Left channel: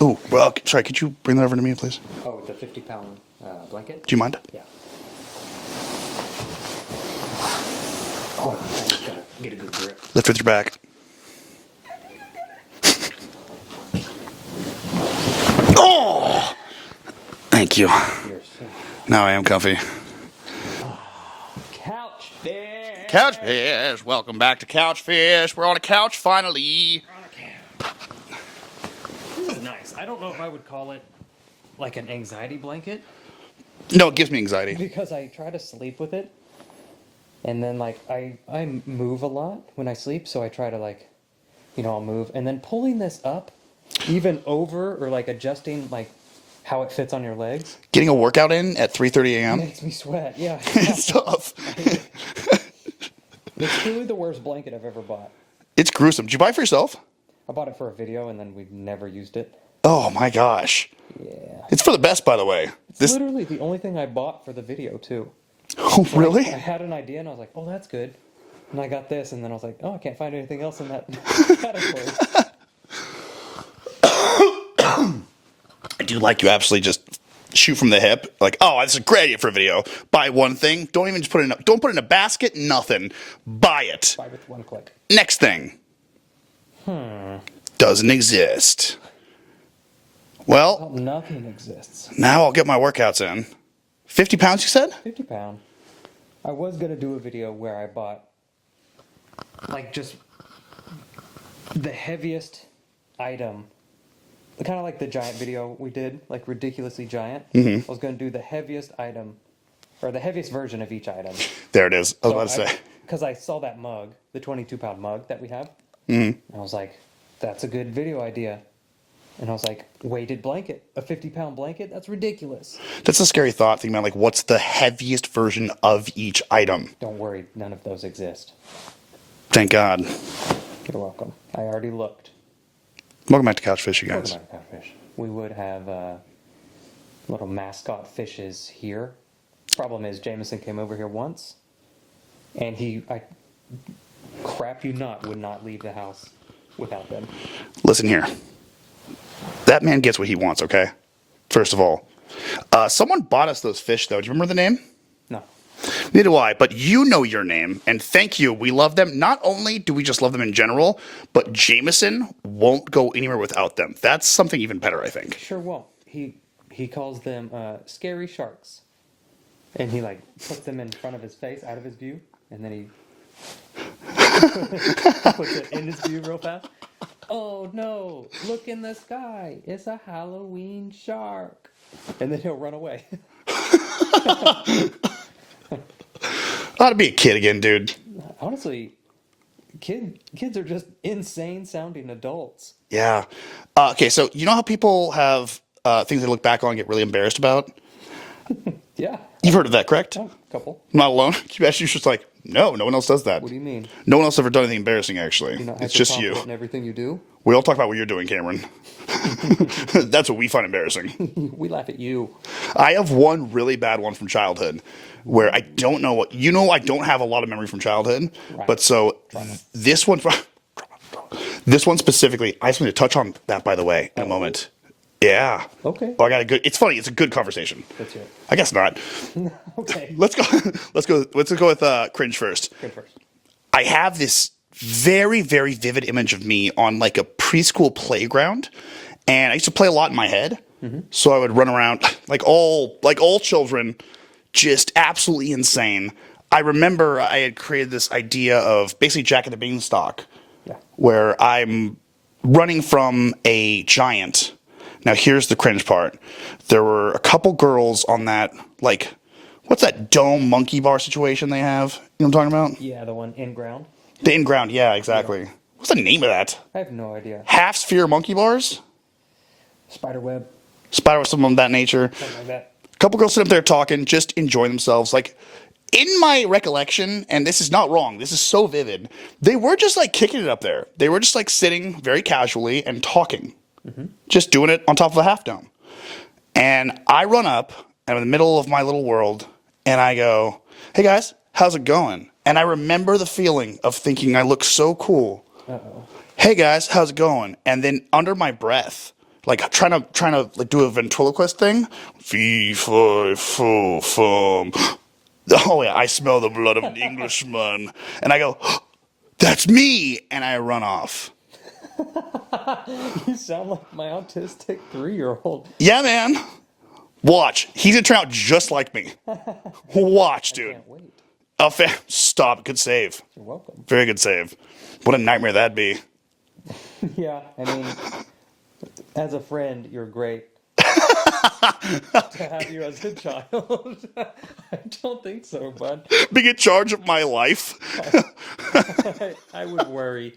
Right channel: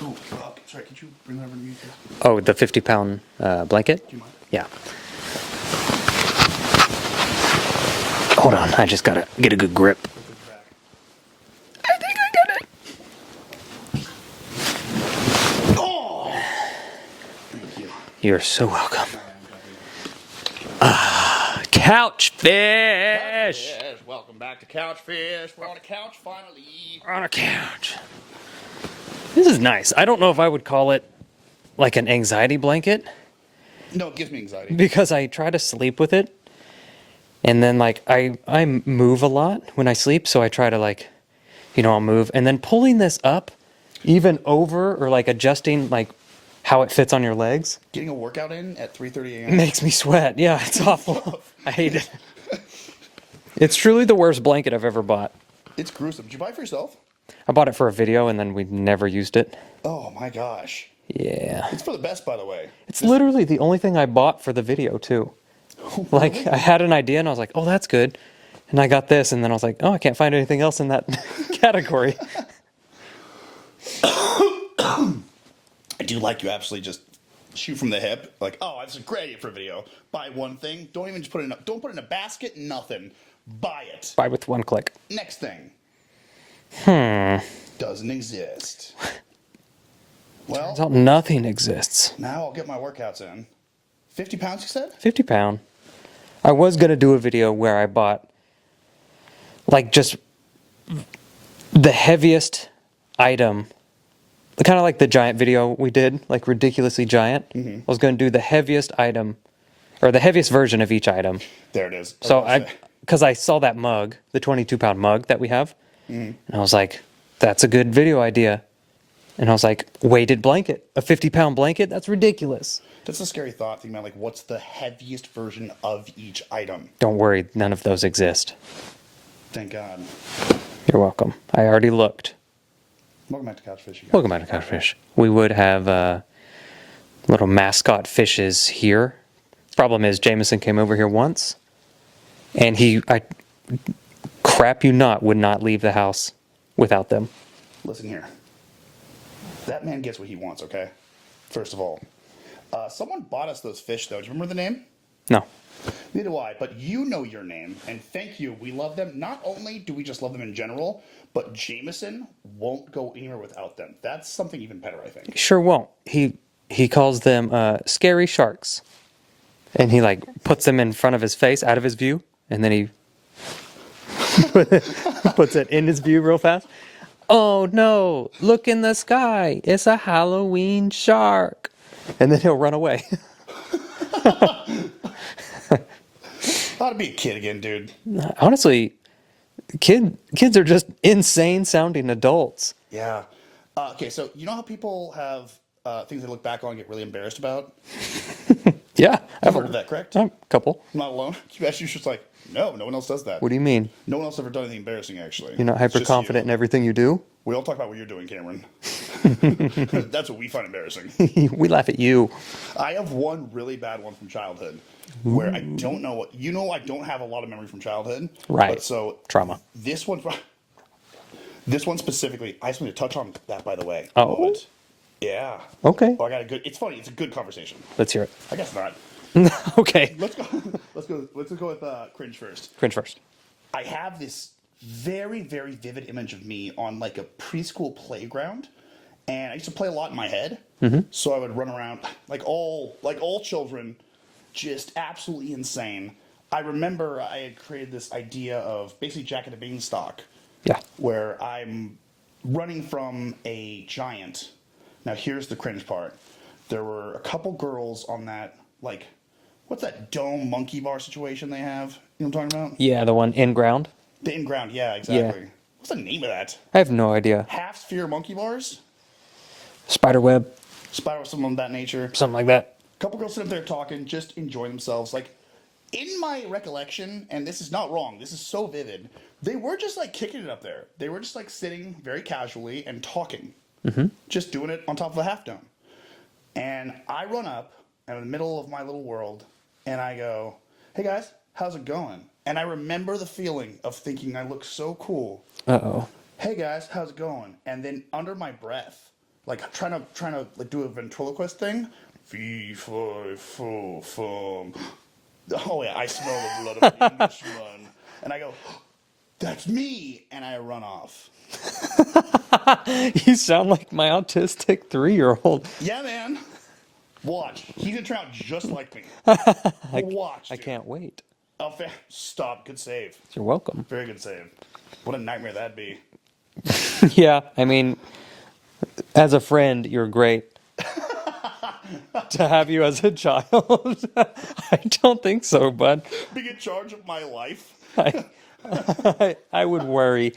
Ooh, well, sorry, could you bring that over to me, please? Oh, the 50-pound blanket? Do you mind? Yeah. Hold on, I just gotta get a good grip. Lift with your back. I think I got it. Oh! Thank you. You're so welcome. Now I am comfy. Couch fish! Couch Fish! Welcome back to Couch Fish. We're on a couch finally. We're on a couch. This is nice. I don't know if I would call it like an anxiety blanket No, it gives me anxiety. because I try to sleep with it. And then like I move a lot when I sleep, so I try to like, I'll move. And then pulling this up even over or like adjusting like how it fits on your legs Getting a workout in at 3:30 a.m. makes me sweat. Yeah, it's awful. tough. I hate it. It's truly the worst blanket I've ever bought. It's gruesome. Did you buy it for yourself? I bought it for a video and then we never used it. Oh my gosh. Yeah. It's for the best, by the way. It's literally the only thing I bought for the video too. Oh, Like, really? I had an idea and I was like, oh, that's good. And I got this and then I was like, oh, I can't find anything else in that category. I do like you absolutely just shoot from the hip. Like, oh, this is a great idea for a video. Buy one thing. Don't even just put it in don't put it in a basket. Nothing. Buy it. Buy with one click. Next thing. Doesn't exist. Well, Nothing exists. now I'll get my workouts in. 50 pounds, you said? 50-pound. I was going to do a video where I bought like just the heaviest item. Kind of like the giant video we did, like ridiculously giant. Mm-hmm. I was going to do the heaviest item or the heaviest version of each item. There it is. So because I saw that mug, the 22-pound mug that we have, and I was like, that's a good video idea. And I was like, weighted blanket, a 50-pound blanket? That's ridiculous. That's a scary thought, thinking about like what's the heaviest version of each item. Don't worry, none of those exist. Thank God. You're welcome. I already looked. Welcome back to Couch Fish, you guys. Welcome back to Catfish. We would have little mascot fishes here. Problem is, Jameson came over here once, and I crap you not, would not leave the house without them. Listen here. That man gets what he wants, okay? First of all. Someone bought us those fish, though. Do you remember the name? No. Neither do I, but you know your name, and thank you. We love them. Not only do we just love them in general, but Jameson won't go anywhere without them. That's something even better, I think. Sure won't. He calls them scary sharks. And he like puts them in front of his face, out of his view, and then he puts it in his view real fast. Oh no, look in the sky. It's a Halloween shark. And then he'll run away. Ought to be a kid again, dude. Honestly, kids are just insane sounding adults. Yeah. Okay, so you know how people have things they look back on and get really embarrassed about? Yeah. You've heard of that, correct? A couple. I'm not alone. You're just like, no one else does that. What do you mean? No one else ever done anything embarrassing, actually. You're not It's hyper just confident you. in everything you do? We all talk about what you're doing, Cameron. That's what we find embarrassing. We laugh at you. I have one really bad one from childhood where I don't know what, I don't have a lot of memory from childhood. Right. But so Trauma. This one specifically, I just want to touch on that, by the way, in a moment. Yeah. Okay. Oh, it's funny. It's a good conversation. Let's hear it. I guess not. Okay. Let's go with cringe first. Cringe first. I have this very, very vivid image of me on like a preschool playground, and I used to play a lot in my head. Mm-hmm. So I would run around like all children, just absolutely insane. I remember I had created this idea of basically Jack and the Beanstalk, where I'm running from a giant. Now here's the cringe part. There were a couple girls on that, like, what's that dome monkey bar situation they have? You know what I'm talking about? Yeah, the one in ground. The in-ground, yeah, exactly. Yeah. What's the name of that? I have no idea. Half-sphere monkey bars? Spiderweb. Something of that nature. Something like that. A couple girls sit up there talking, just enjoying themselves. Like, in my recollection, and this is not wrong, this is so vivid, they were just, like, kicking it up there. They were just, like, sitting very casually and talking. Mm-hmm. Just doing it on top of a half dome. And I run up, I'm in the middle of my little world, and I go, hey, guys, how's it going? And I remember the feeling of thinking I look so cool. Uh-oh. Hey, guys, how's it going? And then under my breath, like trying to like do a ventriloquist thing. Fee, fi, fo, fum. Oh yeah, I smell the blood of an Englishman, and I go, "That's me," and I run off. You sound like my autistic 3-year-old. Yeah, man. Watch, he's gonna turn out just like me. Watch, dude. I can't wait. Oh, stop. Good save. You're welcome. Very good save. What a nightmare that'd be. Yeah, I mean, as a friend, you're great. To have you as a child, I don't think so, bud. Being in charge of my life. I would worry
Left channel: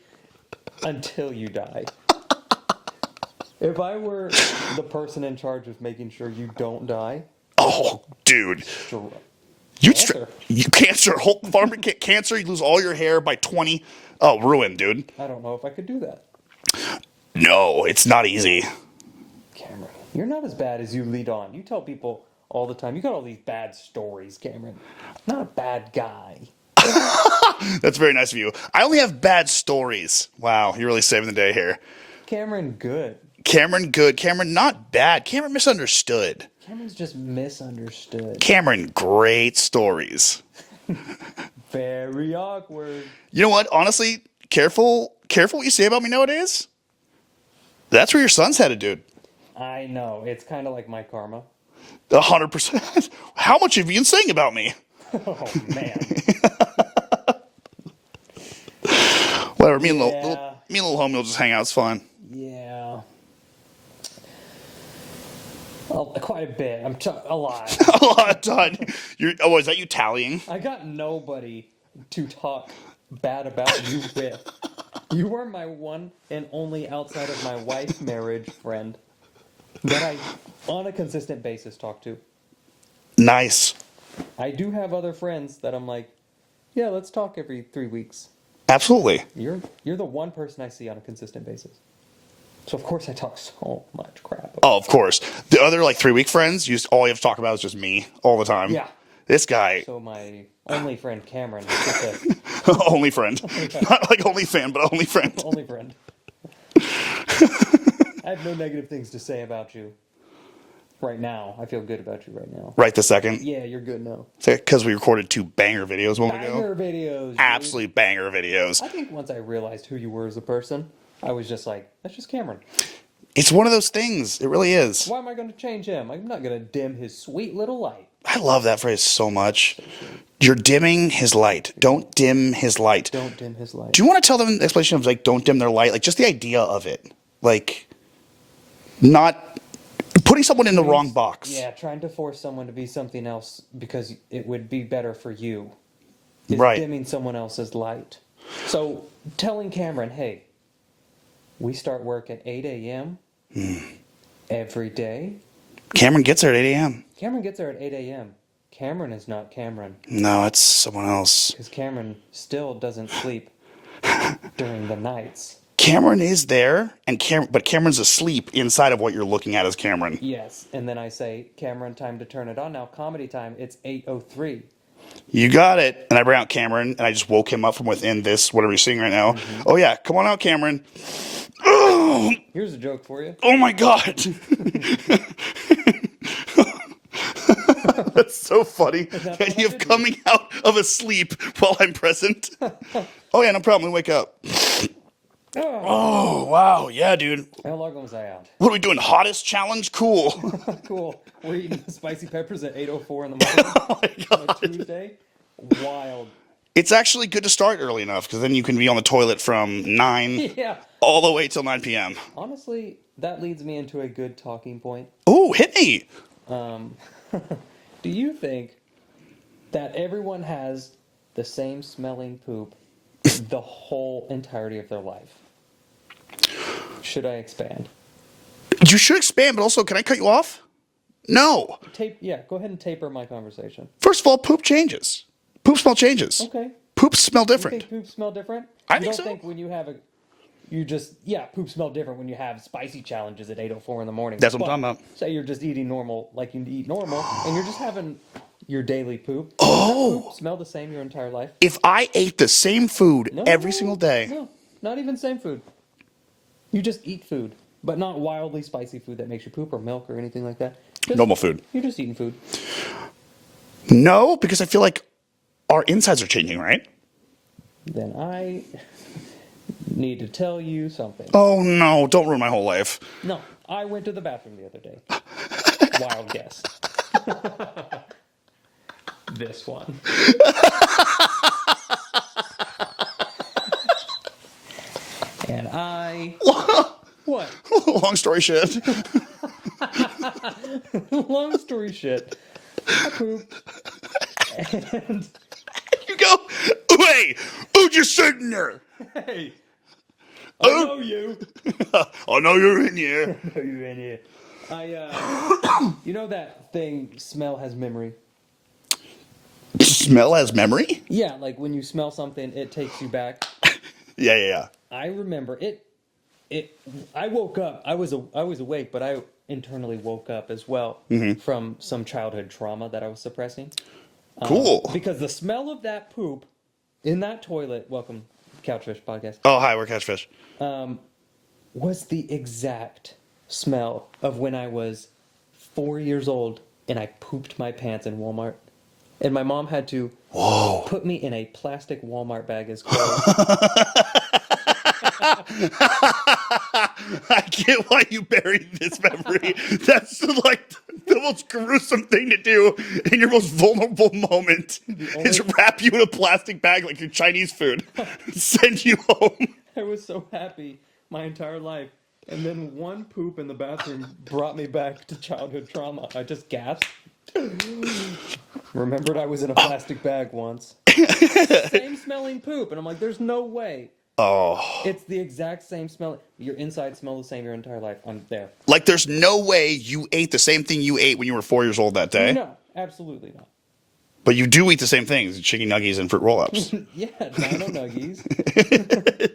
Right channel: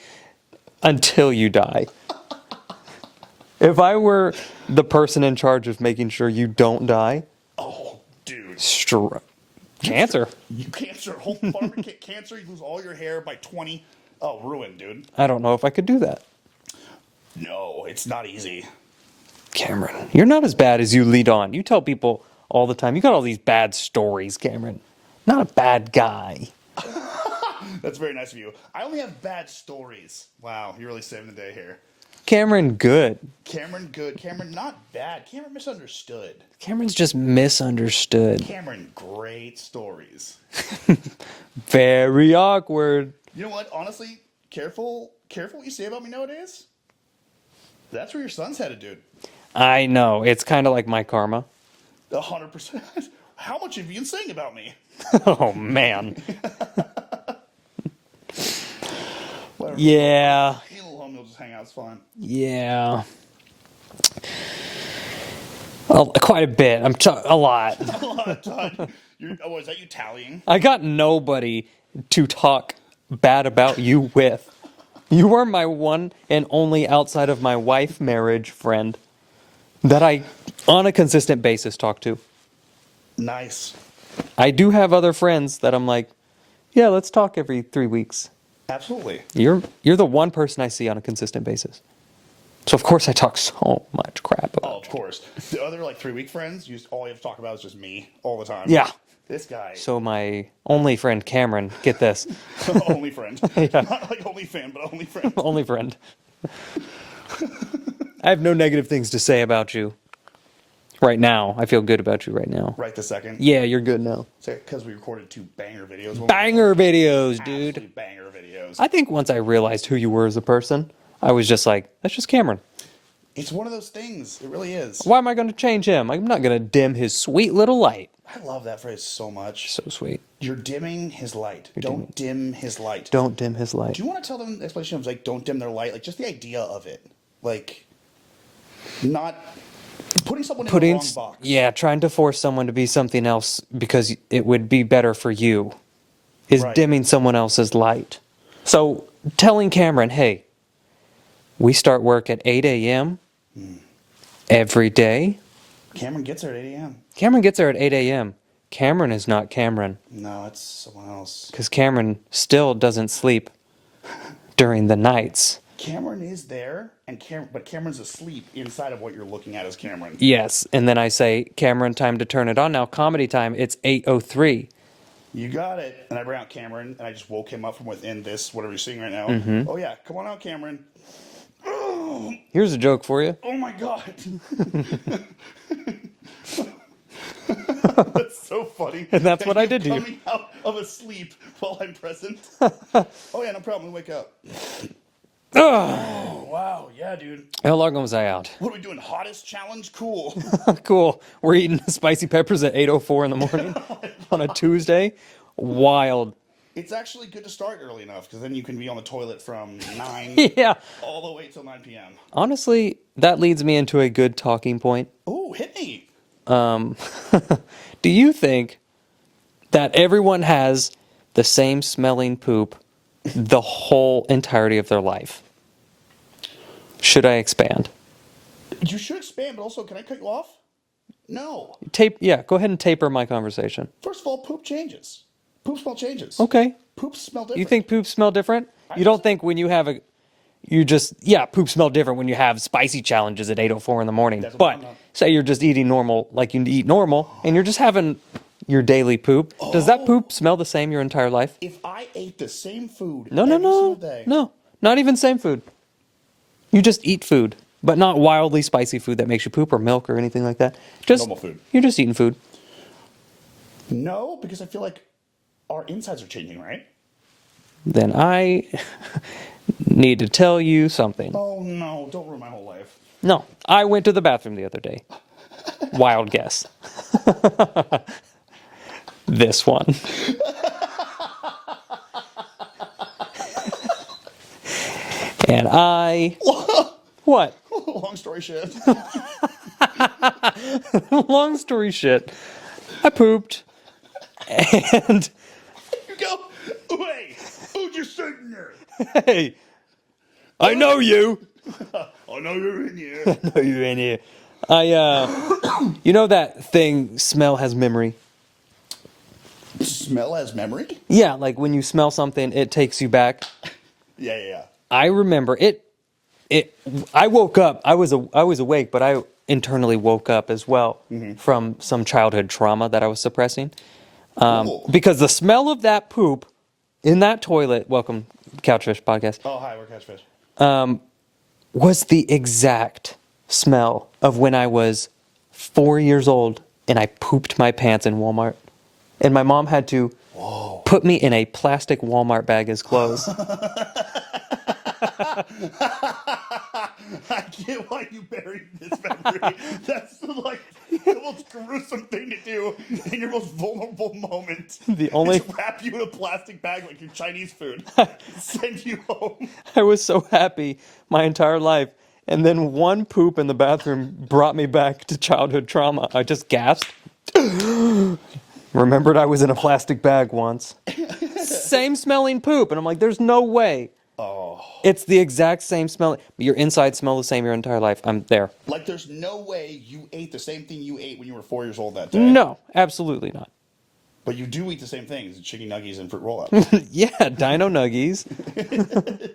until you die. If I were the person in charge of making sure you don't die, Oh, dude. cancer. You cancer. Whole farmer get cancer. You lose all your hair by 20. Oh, ruined, dude. I don't know if I could do that. No, it's not easy. Cameron, you're not as bad as you lead on. You tell people all the time. You got all these bad stories, Cameron. Not a bad guy. That's very nice of you. I only have bad stories. Wow, you're really saving the day here. Cameron, good. Cameron, good. Cameron, not bad. Cameron, misunderstood. Cameron's just misunderstood. Cameron, great stories. Very awkward. You know what? Honestly, careful what you say about me nowadays. That's where your son's headed, dude. I know. It's kind of like my karma. 100%. How much have you been saying about me? Oh, man. Whatever. Me Yeah. and little homie will just hang out. It's fun. Yeah. Well, quite a bit. A lot. A lot of time. Is that you tallying? I got nobody to talk bad about you with. You are my one and only outside of my wife marriage friend that I, on a consistent basis, talk to. Nice. I do have other friends that I'm like, yeah, let's talk every 3 weeks. Absolutely. You're the one person I see on a consistent basis. So of course I talk so much crap about. Oh, of course. The other 3-week friends, all you have to talk about is just me all the time. Yeah. This guy. So my only friend Cameron, get this. Only friend. Not like only fan, but only friend. Only friend. I have no negative things to say about you. Right now. I feel good about you right now. Right this second. Yeah, you're good now. Because we recorded 2 banger videos. Banger videos, dude. Absolutely banger videos. I think once I realized who you were as a person, I was just like, that's just Cameron. It's one of those things. It really is. Why am I going to change him? I'm not going to dim his sweet little light. I love that phrase so much. So sweet. You're dimming his light. Don't dim his light. Don't dim his light. Do you want to tell them the explanation of don't dim their light? Just the idea of it. Not putting someone in the wrong box. Yeah, trying to force someone to be something else because it would be better for you is Right. dimming someone else's light. So telling Cameron, hey, we start work at 8 a.m. Every day. Cameron gets there at 8 a.m. Cameron gets there at 8 a.m. Cameron is not Cameron No, it's someone else. because Cameron still doesn't sleep during the nights. Cameron is there, but Cameron's asleep inside of what you're looking at as Cameron. Yes, and then I say, Cameron, time to turn it on now. Comedy time, it's 8:03. You got it. And I bring out Cameron, and I just woke him up from within this, whatever you're seeing right now. Oh, yeah. Come on out, Cameron. Oh, Here's a joke for you. oh my God. That's so funny. And that's what I did to you. Coming out of a sleep while I'm present. Oh, yeah, no problem. We wake up. Oh, wow. Yeah, dude. How long was I out? What are we doing? Hottest challenge? Cool. Cool. We're eating spicy peppers at 8:04 in the morning on a Tuesday. Wild. It's actually good to start early enough because then you can be on the toilet from 9 Yeah. all the way till 9 p.m. Honestly, that leads me into a good talking point. Oh, hit me. Do you think that everyone has the same smelling poop the whole entirety of their life? Should I expand? You should expand, but also, can I cut you off? No. Go ahead and taper my conversation. First of all, poop changes. Poop smell changes. Okay. Poops smell different. You think poops smell different? I You think don't so. think when you have poop smell different when you have spicy challenges at 8:04 in the morning. That's what but I'm talking about. Say you're just eating normal, like you eat normal, and you're just having your daily poop. Does that poop smell the same your entire life? If I ate the same food No, every no. single day. No, not even same food. You just eat food. but not wildly spicy food that makes you poop or milk or anything like that. Just Normal food. You're just eating food. No, because I feel like our insides are changing, right? Then I need to tell you something. Oh no, don't ruin my whole life. No, I went to the bathroom the other day. Wild guess. This one. And I... What? Long story short. Long story shit. I pooped. And... You go, hey, who just sitting there? Hey, I know you. I know you're in here. I know you're in here. You know that thing, smell has memory? Smell has memory? Yeah, like when you smell something, it takes you back. Yeah. I remember it. I woke up. I was awake, but I internally woke up as well from some childhood trauma that I was suppressing. Cool. Because the smell of that poop in that toilet, welcome Couchfish Podcast, Oh, hi, we're Catchfish. was the exact smell of when I was 4 years old and I pooped my pants in Walmart. And my mom had to put me in a plastic Walmart bag as clothes. I get why you buried this memory. That's like the most gruesome thing to do in your most vulnerable moment. Is wrap you in a plastic bag like your Chinese food, send you home. I was so happy my entire life. And then one poop in the bathroom brought me back to childhood trauma. I just gasped. Remembered I was in a plastic bag once. Same smelling poop. And I'm like, there's no way. Oh. It's the exact same smell. Your insides smell the same your entire life. I'm there. Like there's no way you ate the same thing you ate when you were 4 years old that day. No, absolutely not. But you do eat the same things, chicken nuggies and fruit roll-ups. Yeah, Dino Nuggies.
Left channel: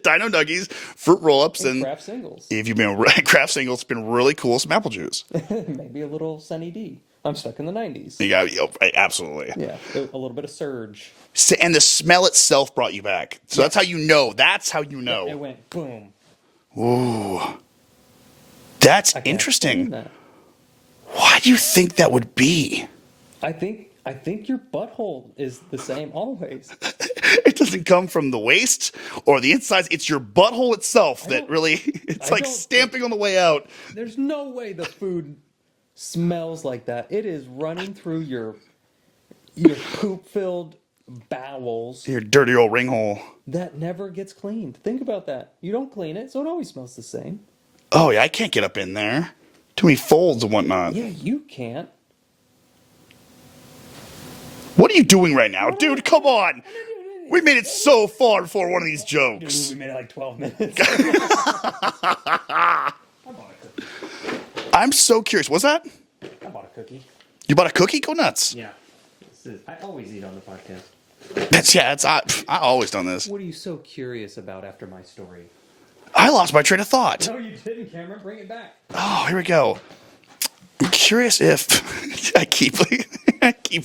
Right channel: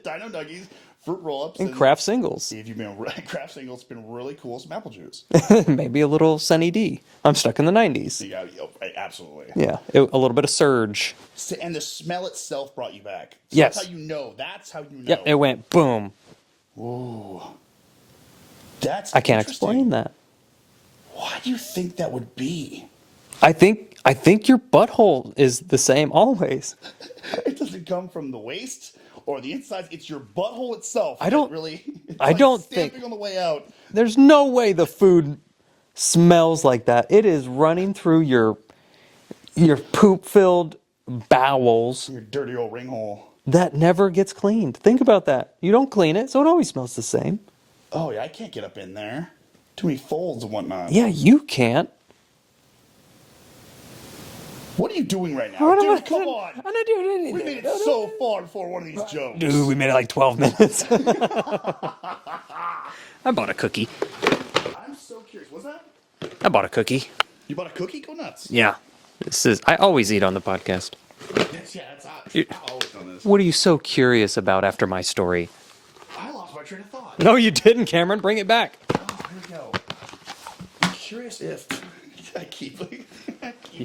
Dino nuggies, fruit roll-ups, and Craft Singles. if you've been Craft Singles, it's been really cool. Some apple juice. Maybe a little Sunny D. I'm stuck in the 90s. You got absolutely. Yeah, a little bit of Surge. And the smell itself brought you back. So Yes. that's how you know. That's how you know. It went boom. Ooh. That's I can't interesting. explain that. Why do you think that would be? I think your butthole is the same always. It doesn't come from the waist or the insides. It's your butthole itself that really, it's I like don't stamping on the way out. There's no way the food smells like that. It is running through your poop-filled bowels Your dirty old ring hole. that never gets cleaned. Think about that. You don't clean it, so it always smells the same. Oh, yeah, I can't get up in there. Too many folds and whatnot. Yeah, you can't. What are you doing right now? What am I Dude, come doing? on. I'm not doing anything. We made it so far before one of these jokes. Dude, we made it like 12 minutes. I bought a cookie. I'm so curious. What's that? I bought a cookie. You bought a cookie? Go nuts. Yeah. I always eat on the podcast. I always done this. What are you so curious about after my story? I lost my train of thought. No, you didn't, Cameron. Bring it back. Oh, here we go. I'm curious if I keep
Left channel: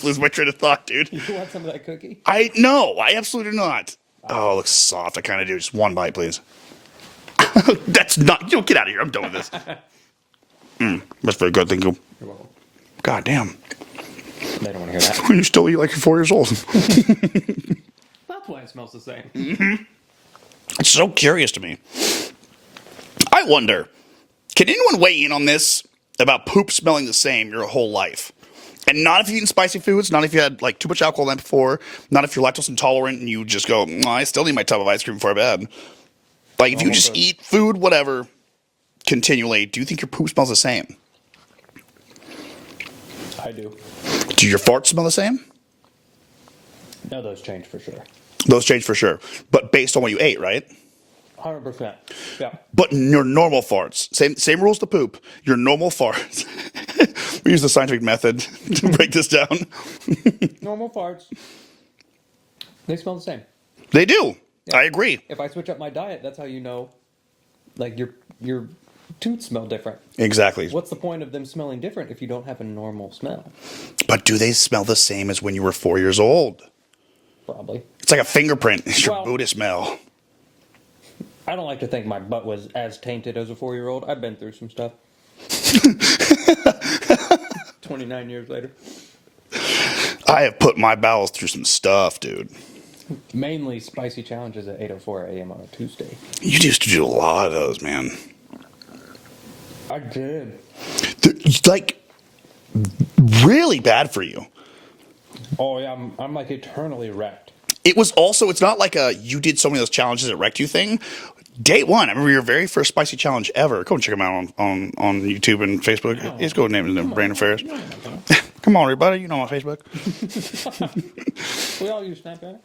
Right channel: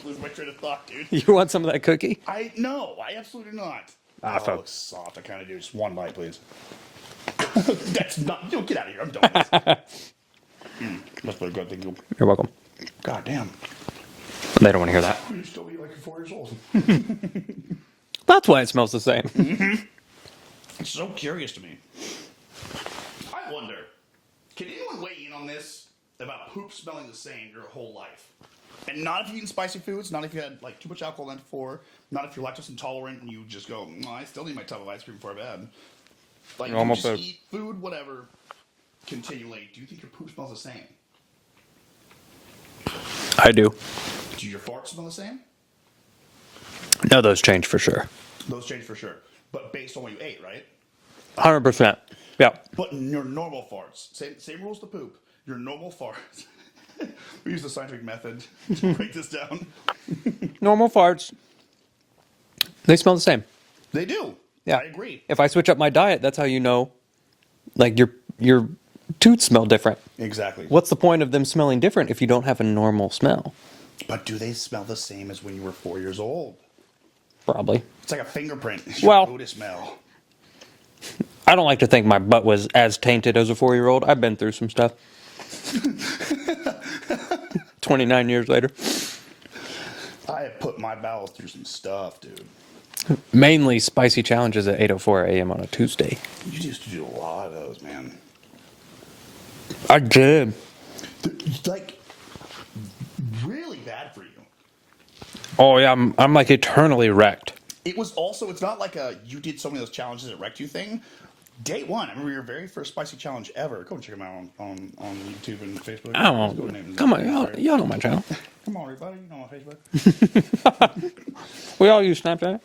losing my train of thought, dude. You want some of that cookie? No, I absolutely do not. Oh, it looks soft. I kind of do. Just one bite, please. That's not. Get out of here. I'm done with this. That's very good. Thank you. You're welcome. God damn. They don't want to hear that. You still eat like you're 4 years old. That's why it smells the same. It's so curious to me. I wonder, can anyone weigh in on this about poop smelling the same your whole life? And not if you've eaten spicy foods, not if you had like too much alcohol the night before, not if you're lactose intolerant and you just go, I still need my tub of ice cream before bed. Like if you just eat food, whatever, continually, do you think your poop smells the same? I do. Do your farts smell the same? No, those change for sure. Those change for sure. But based on what you ate, right? 100%. Yeah. But your normal farts, same rules to poop. Your normal farts. We use the scientific method to break this down. Normal farts, they smell the same. They do. Yeah. I agree. If I switch up my diet, that's how you know, like your toots smell different. Exactly. What's the point of them smelling different if you don't have a normal smell? But do they smell the same as when you were 4 years old? Probably. It's like a fingerprint. It's your Buddha smell. I don't like to think my butt was as tainted as a 4-year-old. I've been through some stuff. 29 years later. I have put my bowels through some stuff, dude. Mainly spicy challenges at 8:04 a.m. on a Tuesday. You used to do a lot of those, man. I did. It's like really bad for you. Oh yeah, I'm like eternally wrecked. It was also, it's not like a you did so many of those challenges that wrecked you thing. Day one, I remember your very first spicy challenge ever. Go and check him out on YouTube and Facebook. He's go name his Brain Affairs. Y'all know my channel. Come on, everybody. You know my Facebook. We all use Snapchat.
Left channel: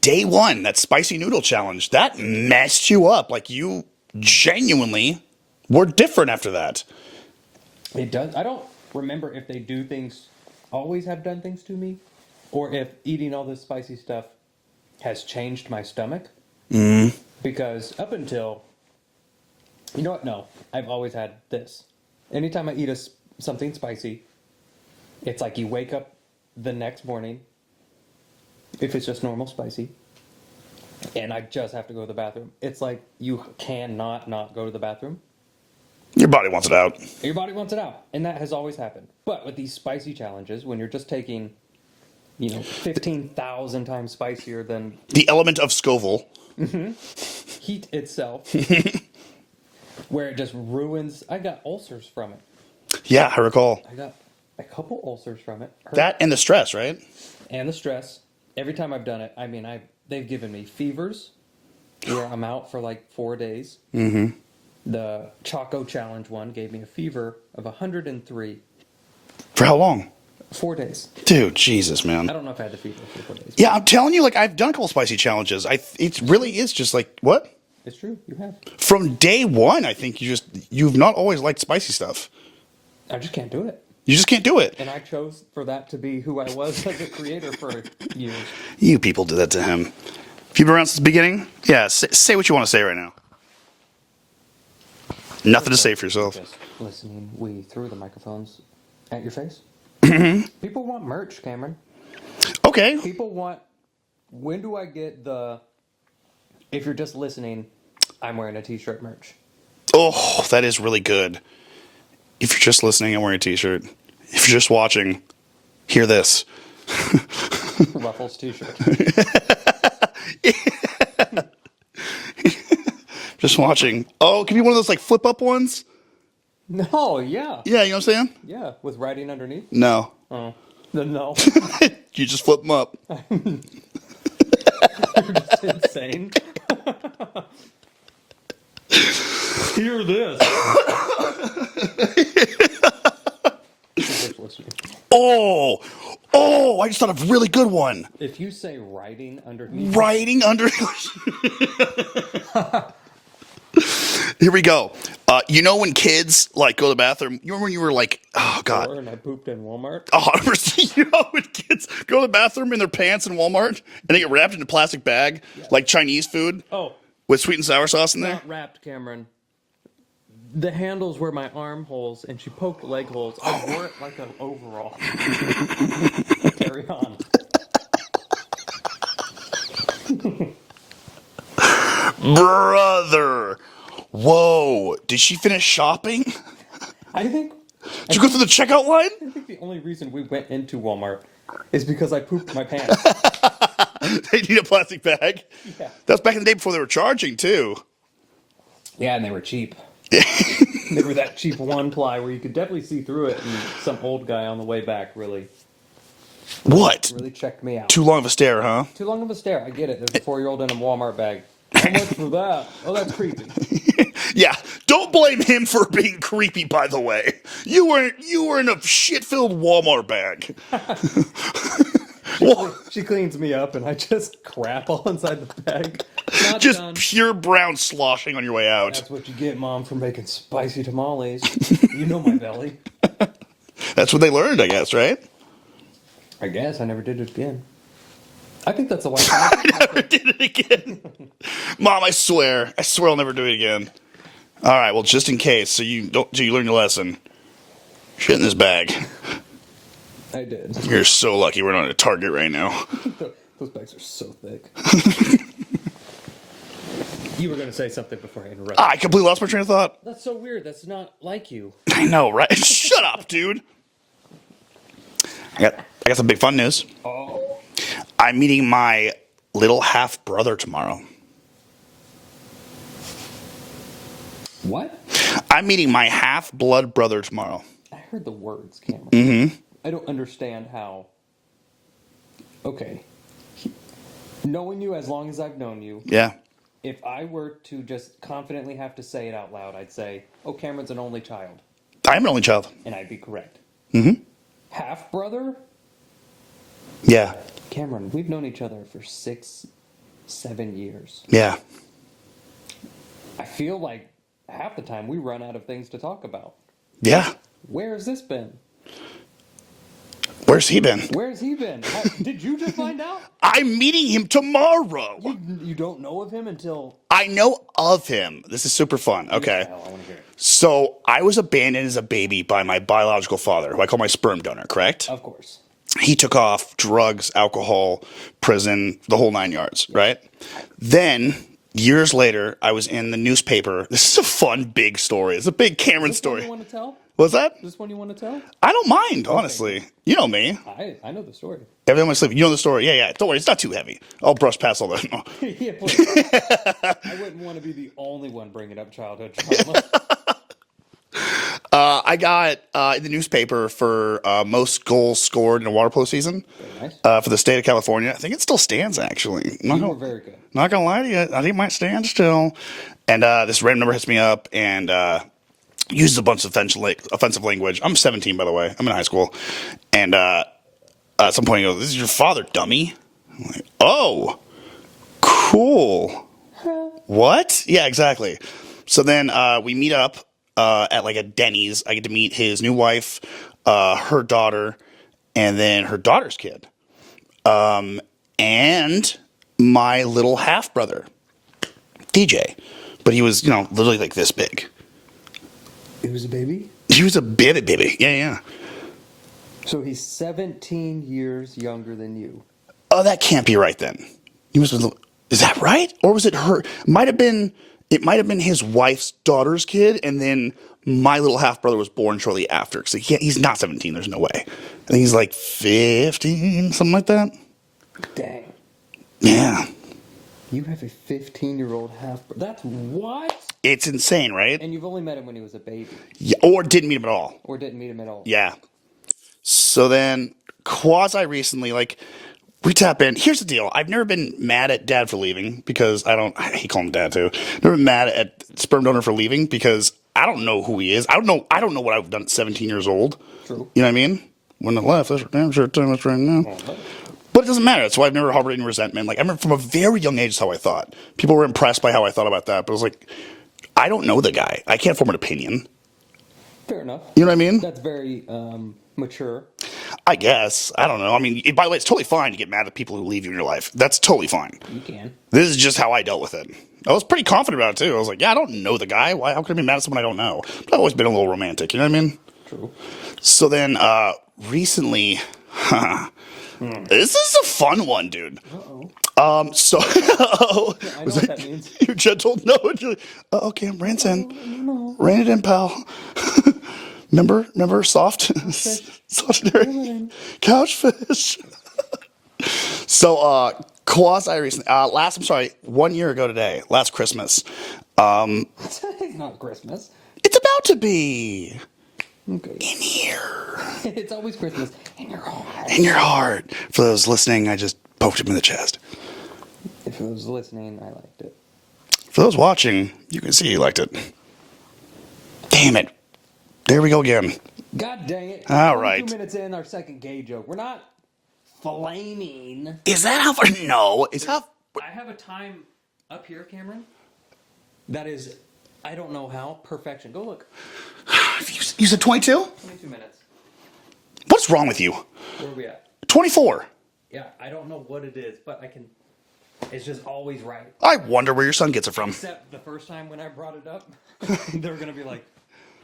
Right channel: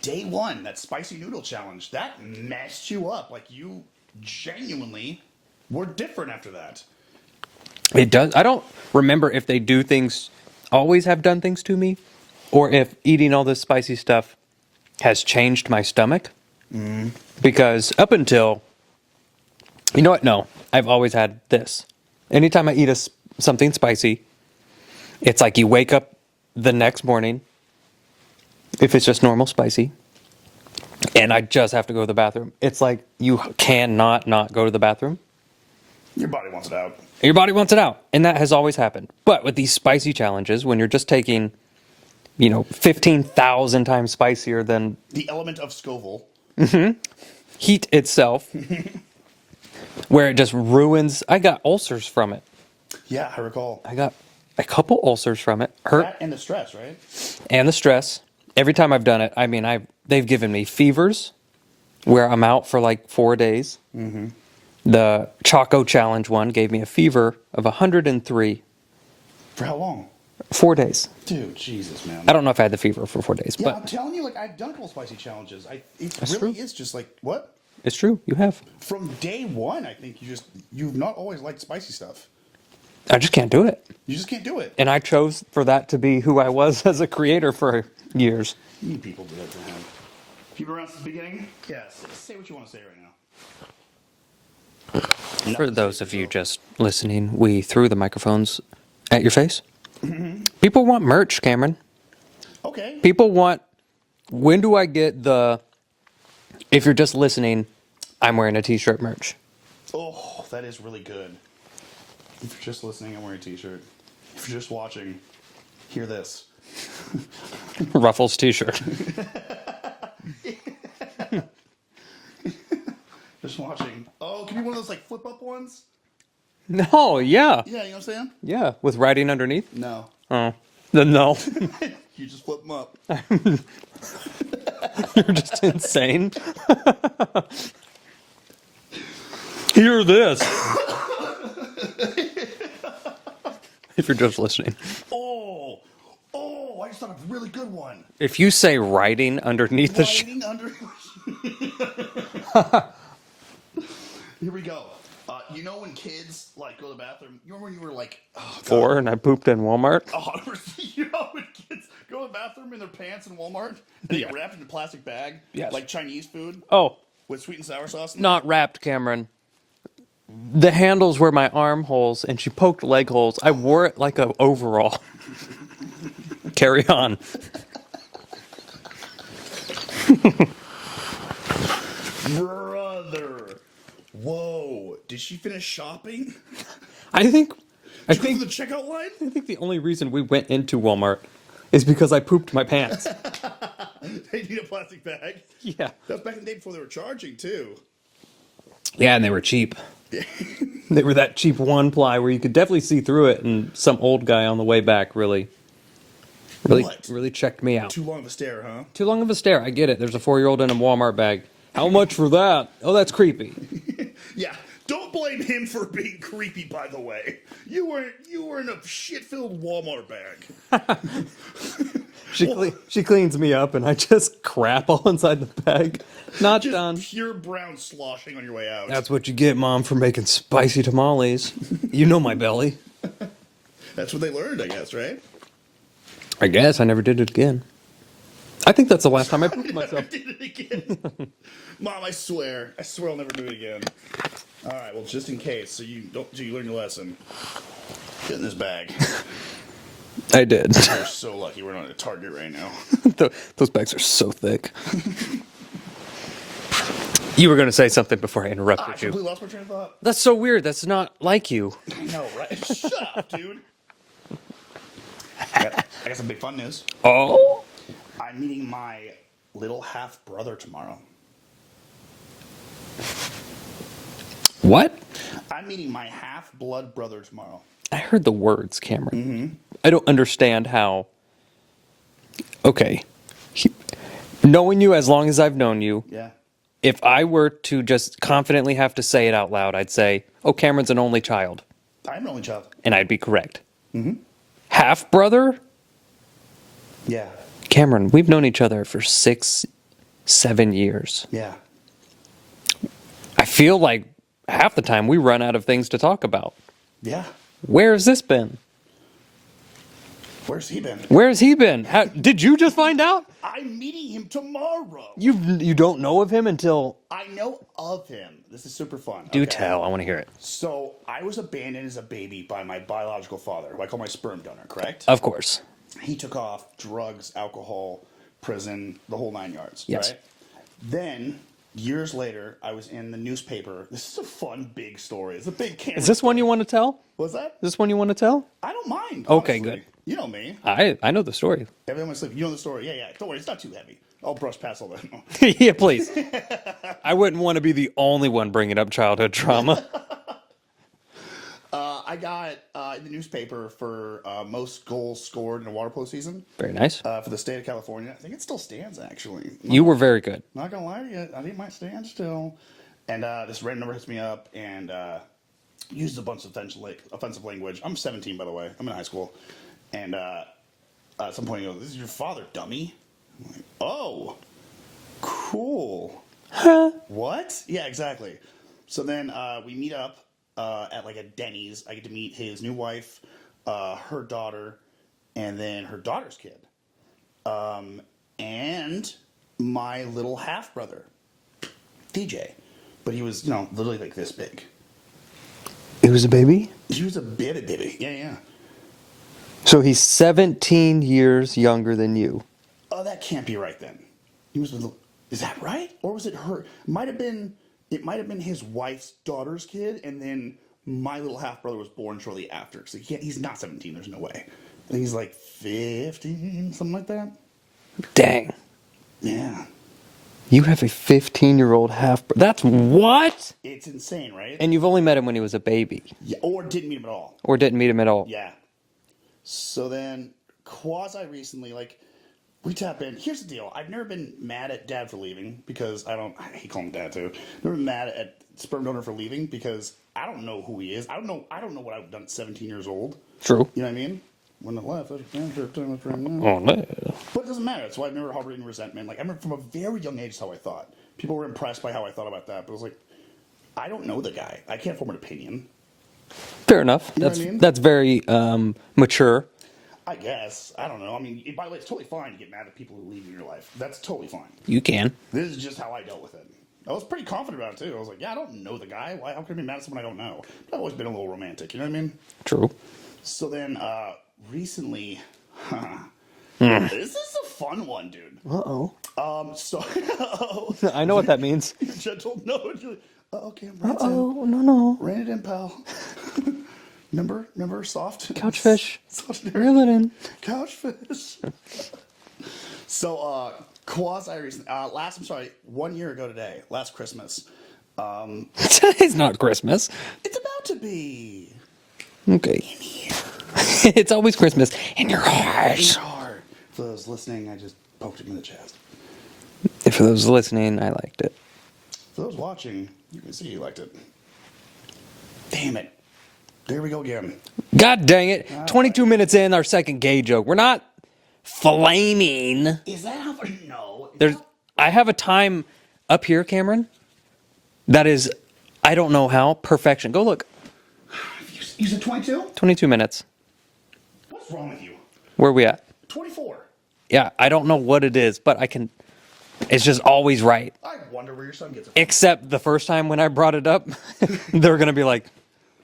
Day one, that spicy noodle challenge, that messed you up. Like you genuinely were different after that. It does. I don't remember if they do things, always have done things to me, or if eating all this spicy stuff has changed my stomach. Because up until, you know what? No, I've always had this. Anytime I eat something spicy, it's like you wake up the next morning, if it's just normal spicy, and I just have to go to the bathroom. It's like you cannot not go to the bathroom. Your body wants it out. Your body wants it out, and that has always happened. But with these spicy challenges, when you're just taking, 15,000 times spicier than The element of Scoville. heat itself, where it just ruins. I got ulcers from it. Yeah, I recall. I got a couple ulcers from it. That and the stress, right? And the stress. Every time I've done it, I mean, they've given me fevers, where I'm out for like 4 days. Mm-hmm. The Choco Challenge one gave me a fever of 103. For how long? 4 days. Dude, Jesus, man. I don't know if I had the fever for 4 days. Yeah, I'm telling you, like, I've done a couple spicy challenges. It really is just like, what? It's true. You have. From day one, I think you've not always liked spicy stuff. I just can't do it. You just can't do it. And I chose for that to be who I was as a creator for years. You people did that to him. If you've been around since the beginning, yeah, say what you want to say right now. Nothing to say for those of you yourself. just listening, we threw the microphones at your face. People want merch, Cameron. Okay. People want, when do I get if you're just listening, I'm wearing a t-shirt merch. Oh, that is really good. If you're just listening, I'm wearing a t-shirt. If you're just watching, hear this. Ruffles t-shirt. Just watching. Oh, it could be one of those like flip up ones. No, yeah. Yeah, you know what I'm saying? Yeah, with writing underneath. No. Oh, then no. You just flip them up. You're just insane. Hear this. If you're just listening. Oh, I just thought of a really good one. If you say writing underneath Writing under. Here we go. You know when kids like go to the bathroom? You remember when you were like, oh god, and I pooped in Walmart. Oh, you know when kids go to the bathroom in their pants in Walmart and they get wrapped in a plastic bag, like Chinese food? Oh, with sweet and sour sauce in there? not wrapped, Cameron. The handles were my armholes, and she poked leg holes. I wore it like a overall. Carry on. Brother. Whoa. Did she finish shopping? Did you go through the checkout line? I think the only reason we went into Walmart is because I pooped my pants. They need a plastic bag? Yeah. That was back in the day before they were charging, too. Yeah, and they were cheap. They were that cheap one ply where you could definitely see through it, and some old guy on the way back really checked me out. Too long of a stare, huh? Too long of a stare. I get it. There's a 4-year-old in a Walmart bag. How much for that? Oh, that's creepy. Yeah, don't blame him for being creepy, by the way. You were in a shit-filled Walmart bag. She cleans me up, and I just crap all inside the bag. Not just done. Pure brown sloshing on your way out. That's what you get, Mom, for making spicy tamales. You know my belly. That's what they learned, I guess, right? I guess I never did it again. I think that's the last time I never did it again. Mom, I swear I'll never do it again. All right, well, just in case, so you learn your lesson. Shit in this bag. I did. You're so lucky we're not at Target right now. Those bags are so thick. You were going to say something before I interrupted I you. completely lost my train of thought. That's so weird. That's not like you. I know, right? Shut up, dude. I got some big fun news. Oh? I'm meeting my little half brother tomorrow. What? I'm meeting my half blood brother tomorrow. I heard the words, Cameron. Mm-hmm. I don't understand how. Okay. Knowing you as long as I've known you, Yeah. if I were to just confidently have to say it out loud, I'd say, oh, Cameron's an only child. I am an only child. And I'd be correct. Mm-hmm. Half brother? Yeah. Cameron, we've known each other for 6, 7 years. Yeah. I feel like half the time we run out of things to talk about. Yeah. Where has this been? Where's he been? Where has he been? Did you just find out? I'm meeting him tomorrow. You don't know of him until... I know of him. This is super fun. You Okay. tell. I want to hear it. So I was abandoned as a baby by my biological father, who I call my sperm donor, correct? Of course. He took off drugs, alcohol, prison, the whole 9 yards, Yes. right? Then, years later, I was in the newspaper. This is a fun, big story. It's a big Cameron Is this story. one you want to tell? What's that? Is this one you want to tell? I don't mind, honestly. good. You know me. I know the story. Everyone my sleep. You know the story. Yeah. Don't worry. It's not too heavy. I'll brush past all that. Yeah, please. I wouldn't want to be the only one bringing up childhood trauma. I got in the newspaper for most goals scored in a water polo season. Very nice. For the state of California. I think it still stands, actually. You were very good. Not gonna lie to you, I think it might stand still. And this random number hits me up and uses a bunch of offensive language. I'm 17, by the way. I'm in high school. And at some point he goes, "This is your father, dummy." I'm like, "Oh, cool." Huh? What? Yeah, exactly. So then we meet up at like a Denny's. I get to meet his new wife, her daughter, and then her daughter's kid. And my little half brother, DJ. But he was, literally like this big. It was a baby? He was a baby. Yeah. So he's 17 years younger than you. Oh, that can't be right then. Is that right? Or was it her? It might have been his wife's daughter's kid, and then my little half brother was born shortly after. Because he's not 17. There's no way. I think he's like 15, something like that. Dang. Yeah. You have a 15-year-old half brother. That's what? It's insane, right? And you've only met him when he was a baby. Yeah, or didn't meet him at all. Or didn't meet him at all. Yeah. So then, quasi recently, we tap in. Here's the deal. I've never been mad at Dad for leaving because I hate calling him Dad too. Never been mad at sperm donor for leaving because I don't know who he is. I don't know what I've done at 17 years old. True. You know what I mean? When I left, that's for damn sure time that's right now. Oh, no. But it doesn't matter. That's why I've never harbored any resentment. I remember from a very young age, that's how I thought. People were impressed by how I thought about that. But I was like, I don't know the guy. I can't form an opinion. Fair enough. You know what I mean? That's very mature. I guess. I don't know. By the way, it's totally fine to get mad at people who leave you in your life. That's totally fine. You can. This is just how I dealt with it. I was pretty confident about it, too. I was like, yeah, I don't know the guy. Why? How can I be mad at someone I don't know? But I've always been a little romantic. You know what I mean? True. So then, recently, this is a fun one, dude. Uh-oh. I know what that means. You're gentle. No. Okay, I'm ranting. Oh, no. Rein it in, pal. Remember soft? Couchfish. Soft Reel it in. Couchfish. So, quasi recently, 1 year ago today, last Christmas. Today's not Christmas. It's about to be. Okay. In here. It's always Christmas. In your heart. In your heart. For those listening, I just poked him in the chest. For those listening, I liked it. For those watching, you can see he liked it. Damn it. There we go again. God dang it. All 22 right. minutes in, our second gay joke. We're not flaming. Is that how far? No. I have a time up here, Cameron, that is, I don't know how, perfection. Go look. You said 22? 22 minutes. What's wrong with you? Where are we at? 24. Yeah, I don't know what it is, but I can, it's just always right. I wonder where your son gets it from. Except the first time when I brought it up, they're going to be like,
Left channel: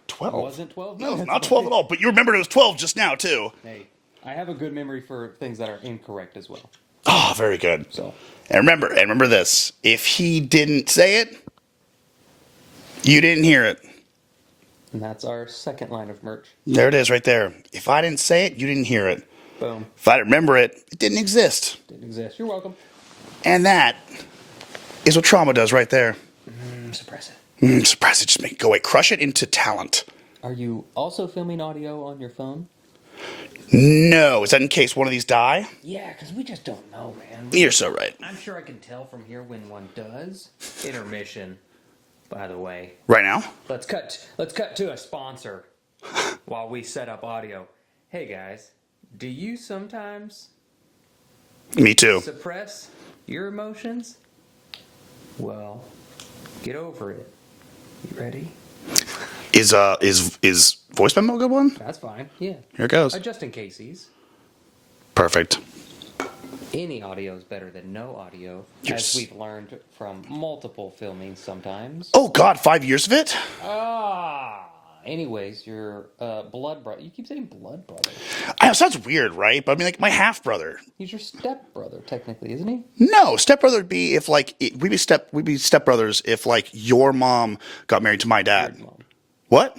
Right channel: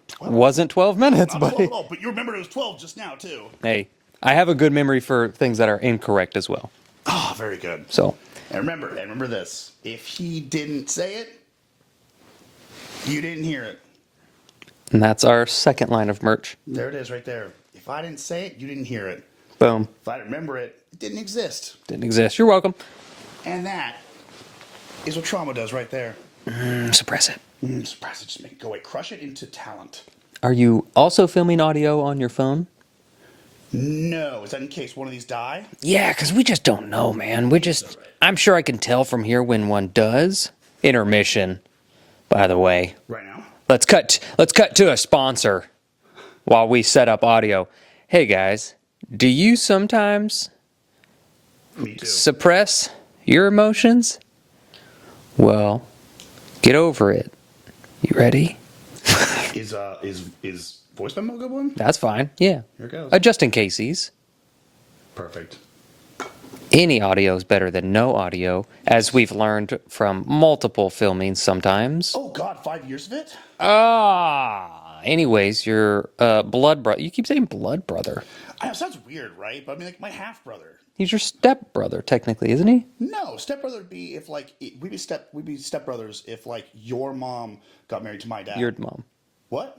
12. wasn't 12 minutes. Not buddy. 12 at all, but you remembered it was 12 just now, too. Hey, I have a good memory for things that are incorrect as well. Oh, very good. So, And remember this. If he didn't say it, You didn't hear it. And that's our second line of merch. There it is right there. If I didn't say it, you didn't hear it. Boom. If I didn't remember it, it didn't exist. Didn't exist. You're welcome. And that is what trauma does right there. Suppress it. Suppress it. Just make it go away. Crush it into talent. Are you also filming audio on your phone? No. Is that in case one of these die? Yeah, because we just don't know, man. You're so right. I'm sure I can tell from here when one does. Intermission, by the way. Right now? Let's cut to a sponsor while we set up audio. Hey guys, do you sometimes Me too. suppress your emotions? Well, get over it. You ready? Is voice memo a good one? That's fine. Yeah. Here it goes. Just in cases. Perfect. Any audio is better than no audio, as we've learned from multiple filmings sometimes. Oh God, 5 years of it? Anyways, your blood brother. You keep saying blood brother. I know, it sounds weird, right? But I mean, like my half brother. He's your step brother, technically, isn't he? No, stepbrother would be if like we'd be stepbrothers if like your mom got married to my dad. Your mom. What?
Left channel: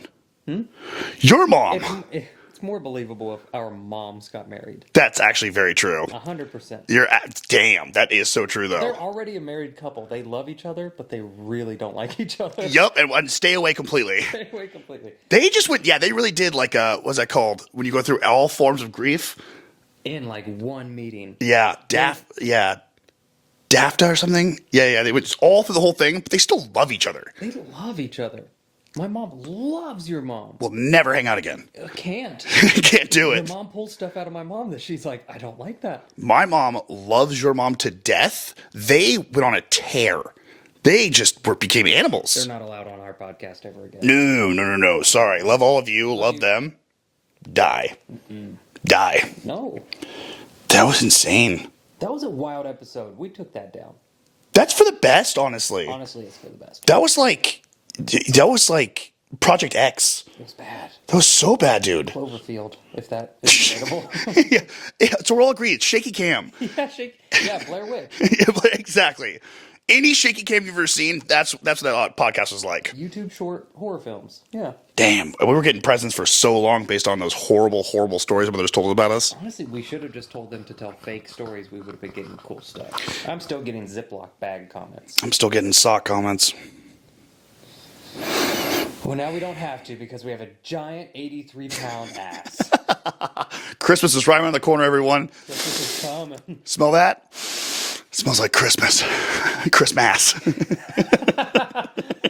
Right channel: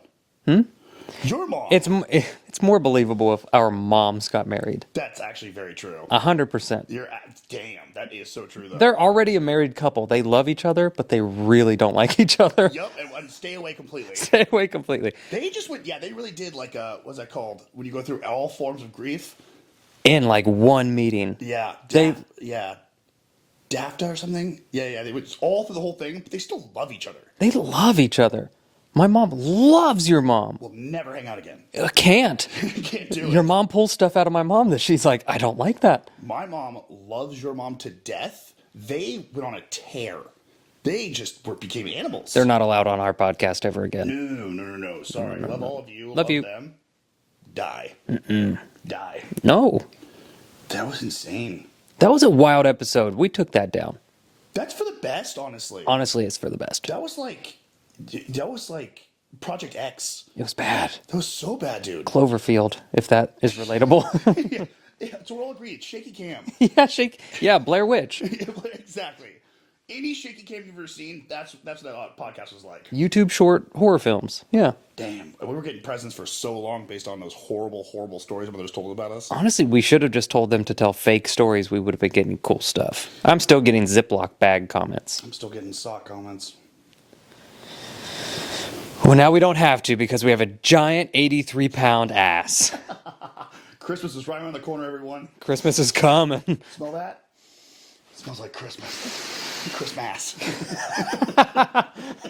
Your mom. It's more believable if our moms got married. That's actually very true. 100%. Damn, that is so true though. They're already a married couple. They love each other, but they really don't like each other. Yep, and stay away completely. Stay away completely. They just went. Yeah, they really did like what's that called when you go through all forms of grief? In like one meeting. Yeah, DAFTA or something. Yeah. They went all through the whole thing, but they still love each other. They love each other. My mom loves your mom. We'll never hang out again. Can't. Can't do it. Your mom pulls stuff out of my mom that she's like, I don't like that. My mom loves your mom to death. They went on a tear. They just became animals. They're not allowed on our podcast ever again. No. Sorry. Love all of you. Love you. them. Die. Die. No. That was insane. That was a wild episode. We took that down. That's for the best, honestly. Honestly, it's for the best. That was like Project X. It was bad. That was so bad, dude. Cloverfield, if that is relatable. yeah, so we're all agreed. Shaky cam. Yeah, Blair Witch. Exactly. Any shaky cam you've ever seen, that's what that podcast was like. YouTube short horror films. Yeah. Damn, we were getting presents for so long based on those horrible, horrible stories mothers told about us. Honestly, we should have just told them to tell fake stories. We would have been getting cool stuff. I'm still getting Ziploc bag comments. I'm still getting sock comments. Well, now we don't have to because we have a giant 83-pound ass. Christmas is right around the corner, everyone. Christmas is coming. Smell that? Smells like Christmas. Christmas.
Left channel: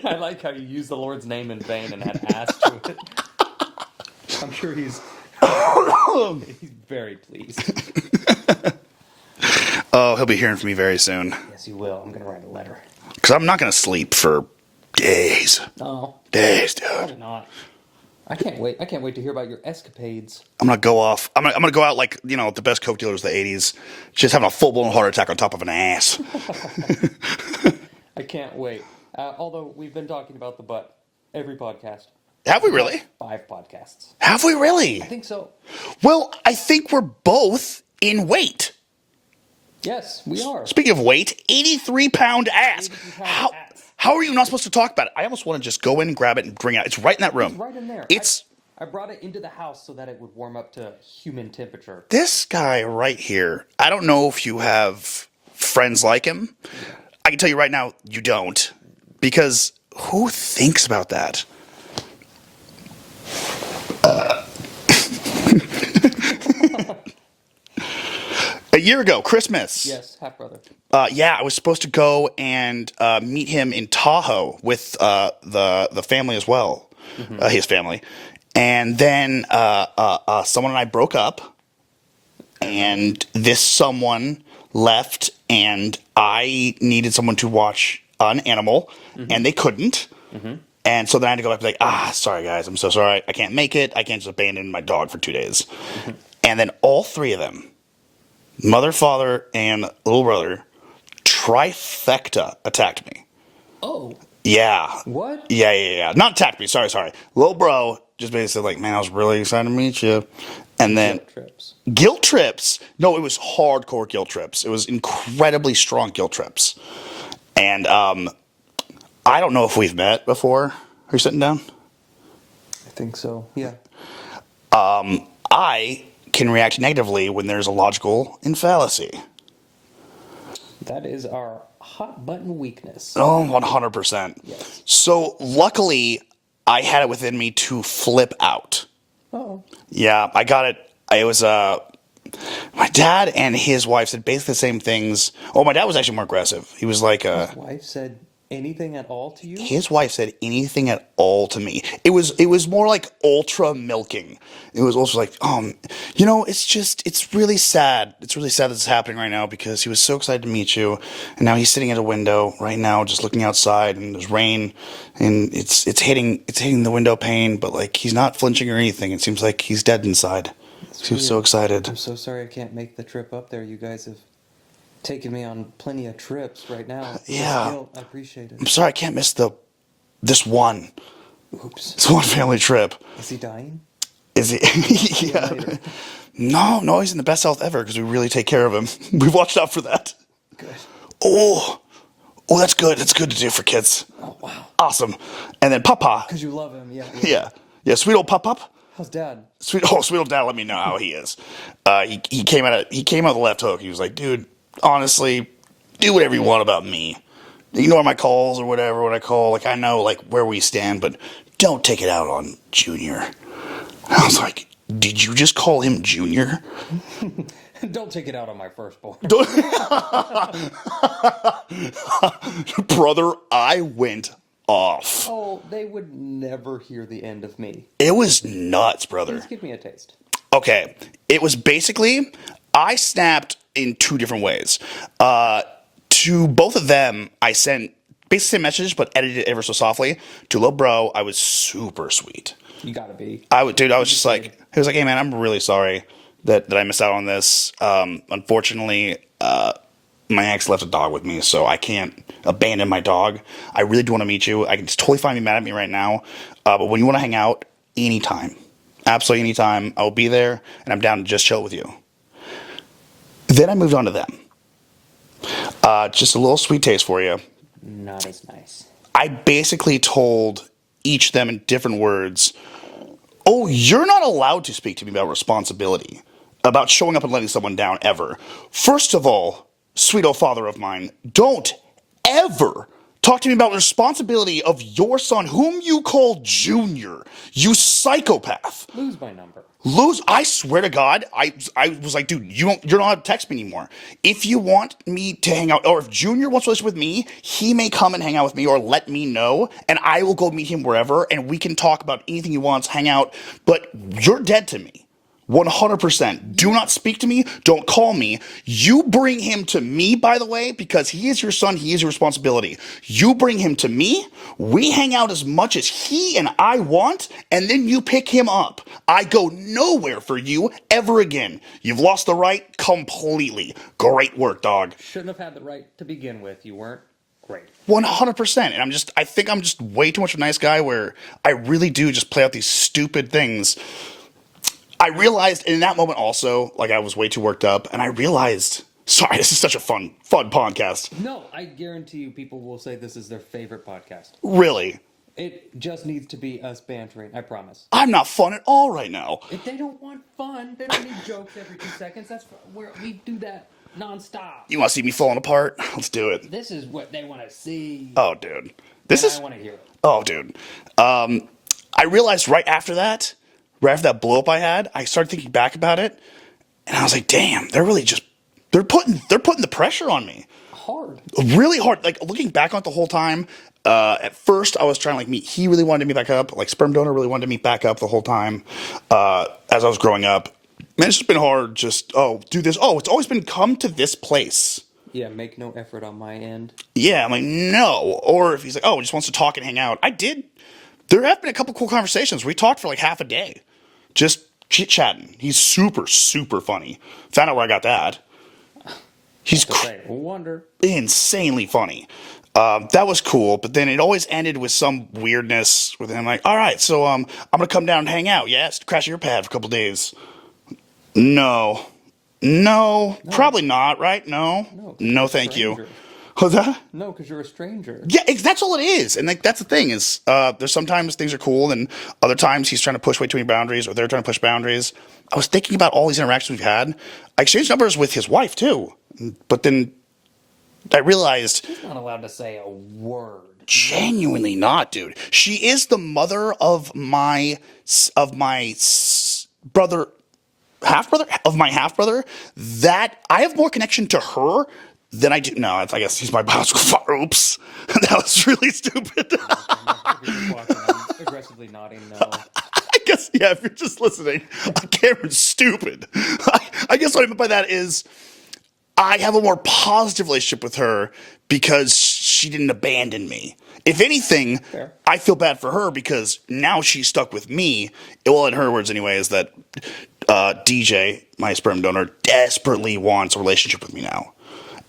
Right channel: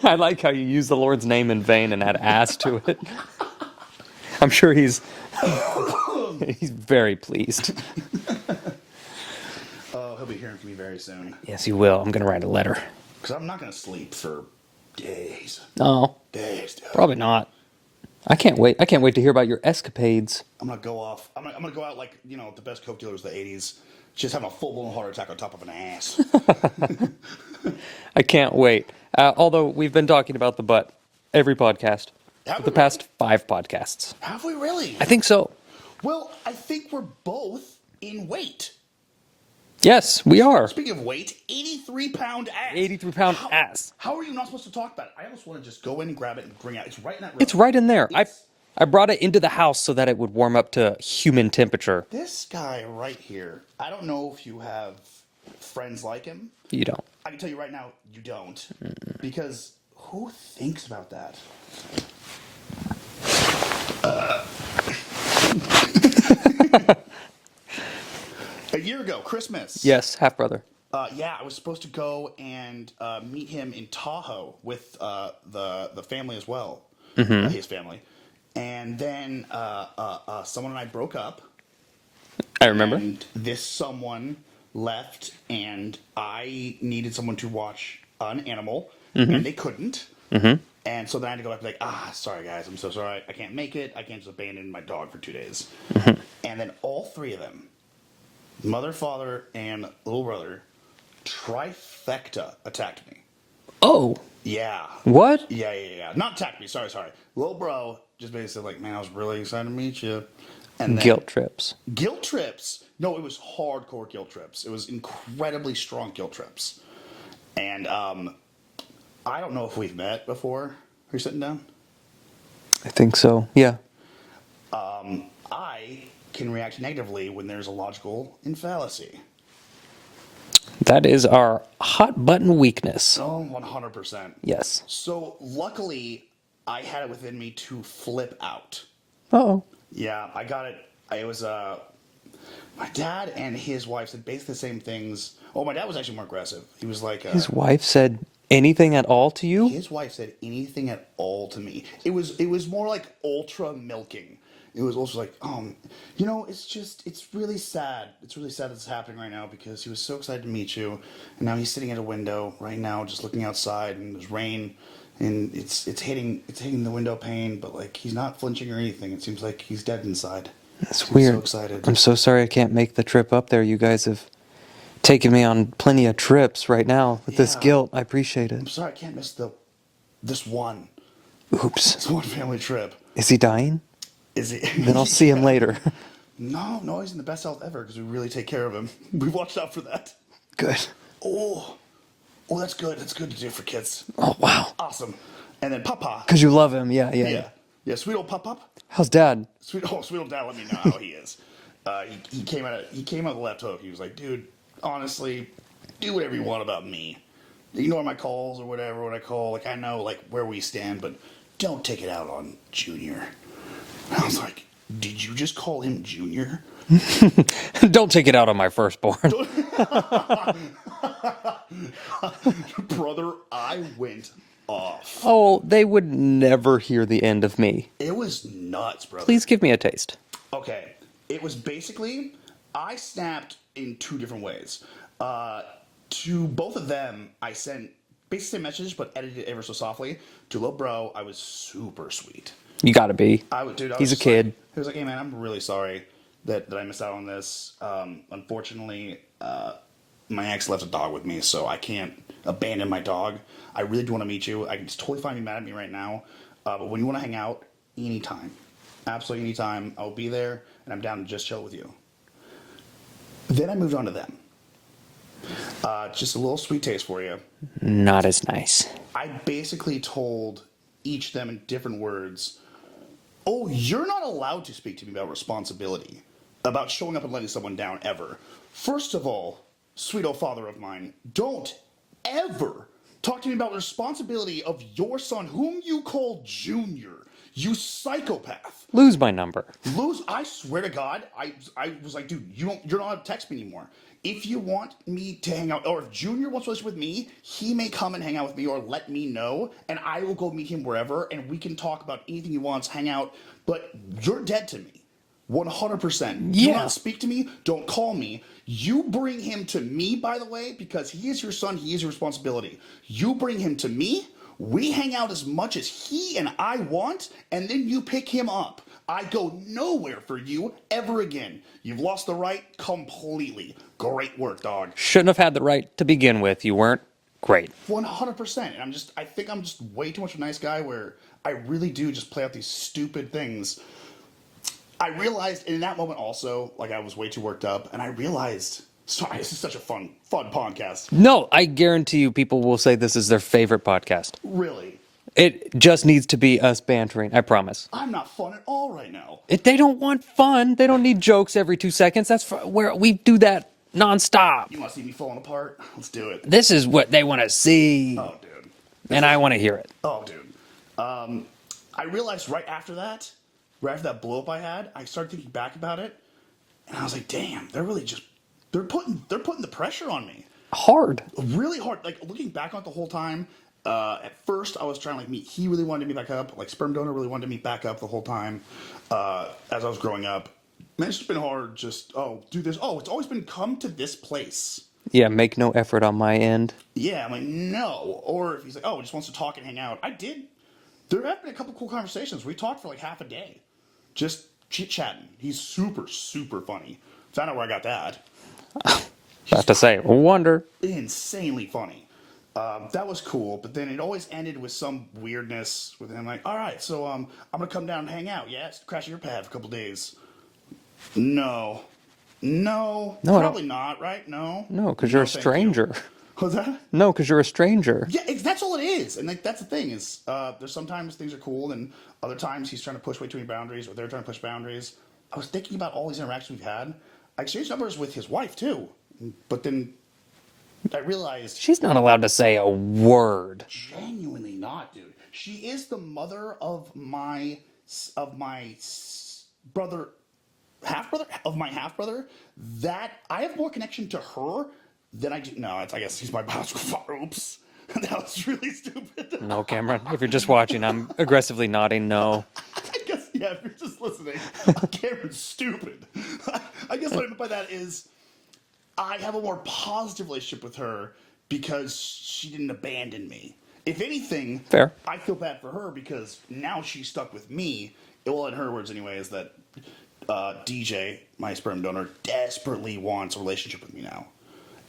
I like how you use the Lord's name in vain and add ass to it. I'm sure he's very pleased. Oh, he'll be hearing from me very soon. Yes, he will. I'm going to write a letter. Because I'm not going to sleep for days. No. Days, dude. Probably not. I can't wait. I can't wait to hear about your escapades. I'm gonna go off. I'm gonna go out like the best coke dealers of the '80s, just having a full blown heart attack on top of an ass. I can't wait. Although we've been talking about the butt every podcast. Have we really? Past 5 podcasts. Have we really? I think so. Well, I think we're both in weight. Yes, we are. Speaking of weight, 83-pound ass. 83-pound ass. How are you not supposed to talk about it? I almost want to just go in and grab it and bring it out. It's right in that room. It's right in there. It's I brought it into the house so that it would warm up to human temperature. this guy right here. I don't know if you have friends like him. You don't. I can tell you right now, you don't. Because who thinks about that? A year ago, Christmas. Yes, half brother. Yeah, I was supposed to go and meet him in Tahoe with the family as well, his family. And then someone and I broke up. I remember. And this someone left, and I needed someone to watch an animal, and they couldn't. And so then I had to go back and be like, sorry, guys, I'm so sorry. I can't make it. I can't just abandon my dog for 2 days. And then all 3 of them, mother, father, and little brother, trifecta attacked me. Oh. Yeah. What? Yeah. Not attacked me. Sorry. Little bro just basically said, like, man, I was really excited to meet you. And then Guilt trips. Guilt trips. No, it was hardcore guilt trips. It was incredibly strong guilt trips. And I don't know if we've met before. Are you sitting down? I think so. Yeah. I can react negatively when there's a logical fallacy. That is our hot button weakness. Oh, 100%. Yes. So luckily, I had it within me to flip out. Uh-oh. Yeah, I got it. It was my dad and his wife said basically the same things. Oh, my dad was actually more aggressive. He was like, His wife said anything at all to you? his wife said anything at all to me. It was more like ultra milking. It was also like, it's really sad. It's really sad that this is happening right now because he was so excited to meet you, and now he's sitting at a window right now, just looking outside, and there's rain, and it's hitting the window pane, but like he's not flinching or anything. It seems like he's dead inside. That's He was so weird. excited. I'm so sorry I can't make the trip up there. You guys have taken me on plenty of trips right now. With this Yeah. guilt, I appreciate I'm it. sorry I can't miss this one. Oops. It's one family trip. Is he dying? Is he? Then I'll see him later. No, he's in the best health ever because we really take care of him. We've watched out for that. Good. Oh, that's good. That's good to do for kids. Oh, wow. Awesome. And then Papa. Because you love him. Yeah. Yeah. Sweet old Pop. How's Dad? Sweet old dad. Let me know how he is. He came out of the left hook. He was like, dude, honestly, do whatever you want about me. Ignore my calls or whatever when I call. Like I know like where we stand, but don't take it out on Junior. I was like, did you just call him Junior? Don't take it out on my firstborn. Brother, I went off. Oh, they would never hear the end of me. It was nuts, brother. Please give me a taste. Okay. It was basically, I snapped in two different ways. To both of them, I sent basically the same message, but edited it ever so softly. To little bro, I was super sweet. You gotta be. I was He's a just kid. like, he was like, hey man, I'm really sorry that I missed out on this. Unfortunately, my ex left a dog with me, so I can't abandon my dog. I really do want to meet you. I can just totally find you mad at me right now. But when you want to hang out, anytime, absolutely anytime, I will be there, and I'm down to just chill with you. Then I moved on to them. Just a little sweet taste for you. Not as nice. I basically told each of them in different words, oh, you're not allowed to speak to me about responsibility, about showing up and letting someone down ever. First of all, sweet old father of mine, don't ever talk to me about the responsibility of your son, whom you call Junior, you psychopath. Lose my number. I swear to God, I was like, dude, you're not allowed to text me anymore. If you want me to hang out, or if Junior wants to listen with me, he may come and hang out with me or let me know, and I will go meet him wherever, and we can talk about anything he wants, hang out, but you're dead to me. 100%. Do not speak to me. Don't call me. You bring him to me, by the way, because he is your son. He is your responsibility. You bring him to me. We hang out as much as he and I want, and then you pick him up. I go nowhere for you ever again. You've lost the right completely. Great work, dog. Shouldn't have had the right to begin with. You weren't great. 100%. And I think I'm just way too much of a nice guy where I really do just play out these stupid things. I realized in that moment also, like I was way too worked up, and I realized, sorry, this is such a fun podcast. No, I guarantee you people will say this is their favorite podcast. Really. It just needs to be us bantering, I promise. I'm not fun at all right now. If they don't want fun, they don't need jokes every 2 seconds. That's where we do that nonstop. You want to see me falling apart? Let's do it. This is what they want to see. Oh, dude. I want to hear it. Oh, dude. I realized right after that blow up I had, I started thinking back about it, and I was like, damn, they're putting the pressure on me. Hard. Really hard. Like looking back on it the whole time, at first I was trying to like meet, he really wanted to meet back up, like sperm donor really wanted to meet back up the whole time, as I was growing up. Man, it's just been hard, just, do this. It's always been come to this place. Yeah, make no effort on my end. Yeah, I'm like, no. Or if he's like, he just wants to talk and hang out. I did. There have been a couple cool conversations. We talked for like half a day. Just chit-chatting. He's super, super funny. Found out where I got that. He's to say, wonder. Insanely funny. That was cool, but then it always ended with some weirdness with him like, all right, so I'm going to come down and hang out. Yeah, crash your pad for a couple days. No, probably not, right? No, because you're a stranger. What's that? No, because you're a stranger. Yeah, that's all it is. And like that's the thing is, there's sometimes things are cool, and other times he's trying to push way too many boundaries, or they're trying to push boundaries. I was thinking about all these interactions we've had. I exchanged numbers with his wife too, but then I realized She's not allowed to say a word. genuinely not, dude. She is the mother of my brother, half brother. That I have more connection to her than I do. No, I guess he's my biological father. Oops, that was really stupid. No, Cameron. If you're just watching, I'm aggressively nodding no. I guess, yeah, if you're just listening, Cameron's stupid. I guess what I meant by that is I have a more positive relationship with her because she didn't abandon me. If anything, Fair. I feel bad for her because now she's stuck with me. Well, in her words anyway, is that DJ, my sperm donor, desperately wants a relationship with me now.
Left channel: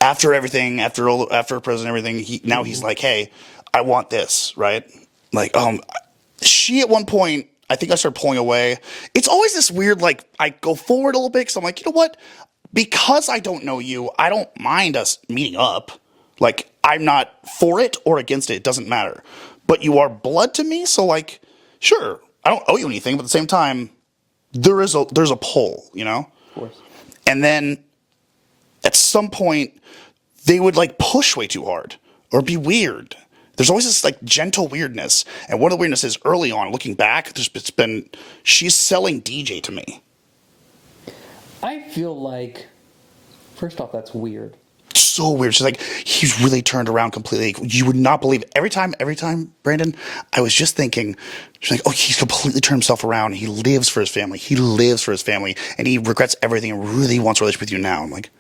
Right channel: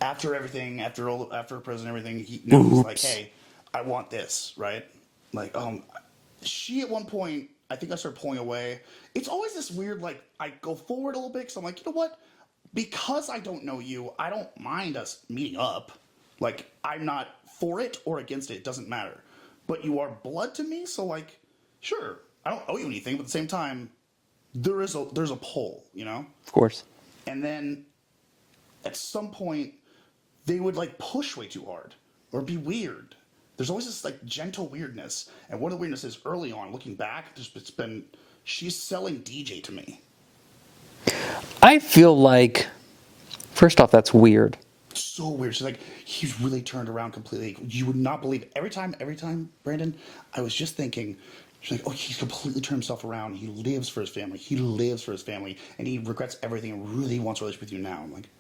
After everything, after prison and everything, he's like, hey, I want this, right? Like, she at one point, I think I started pulling away. It's always this weird, like, I go forward a little bit because I'm like, you know what? Because I don't know you, I don't mind us meeting up. Like, I'm not for it or against it. It doesn't matter. But you are blood to me, so, like, sure, I don't owe you anything, but at the same time, there's a pull, you know? Of course. And then at some point, they would, like, push way too hard or be weird. There's always this, like, gentle weirdness. And one of the weirdness is early on, looking back, she's selling DJ to me. I feel like, first off, that's weird. So weird. She's like, he's really turned around completely. You would not believe it. Every time, Brandon, I was just thinking, she's like, oh, he's completely turned himself around. He lives for his family. And he regrets everything and really wants a relationship with you now. I'm like,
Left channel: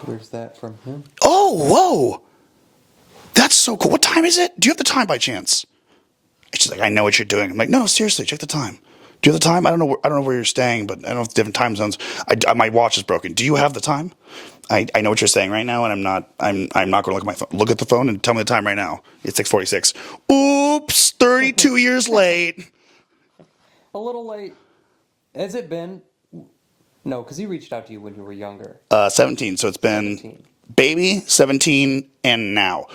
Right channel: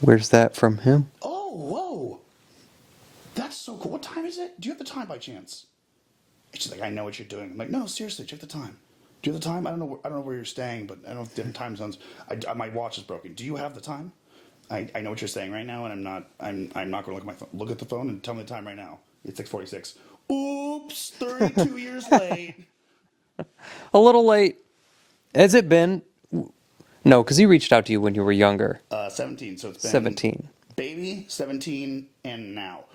where's that from him? oh, whoa. That's so cool. What time is it? Do you have the time by chance? And she's like, I know what you're doing. I'm like, no, seriously, check the time. Do you have the time? I don't know where you're staying, but I don't know if different time zones. My watch is broken. Do you have the time? I know what you're saying right now, and I'm not going to look at my phone. Look at the phone and tell me the time right now. It's 6:46. Oops, 32 years late. A little late. Has it been? No, because he reached out to you when you were younger. 17. So it's been 17. Baby, 17, and now.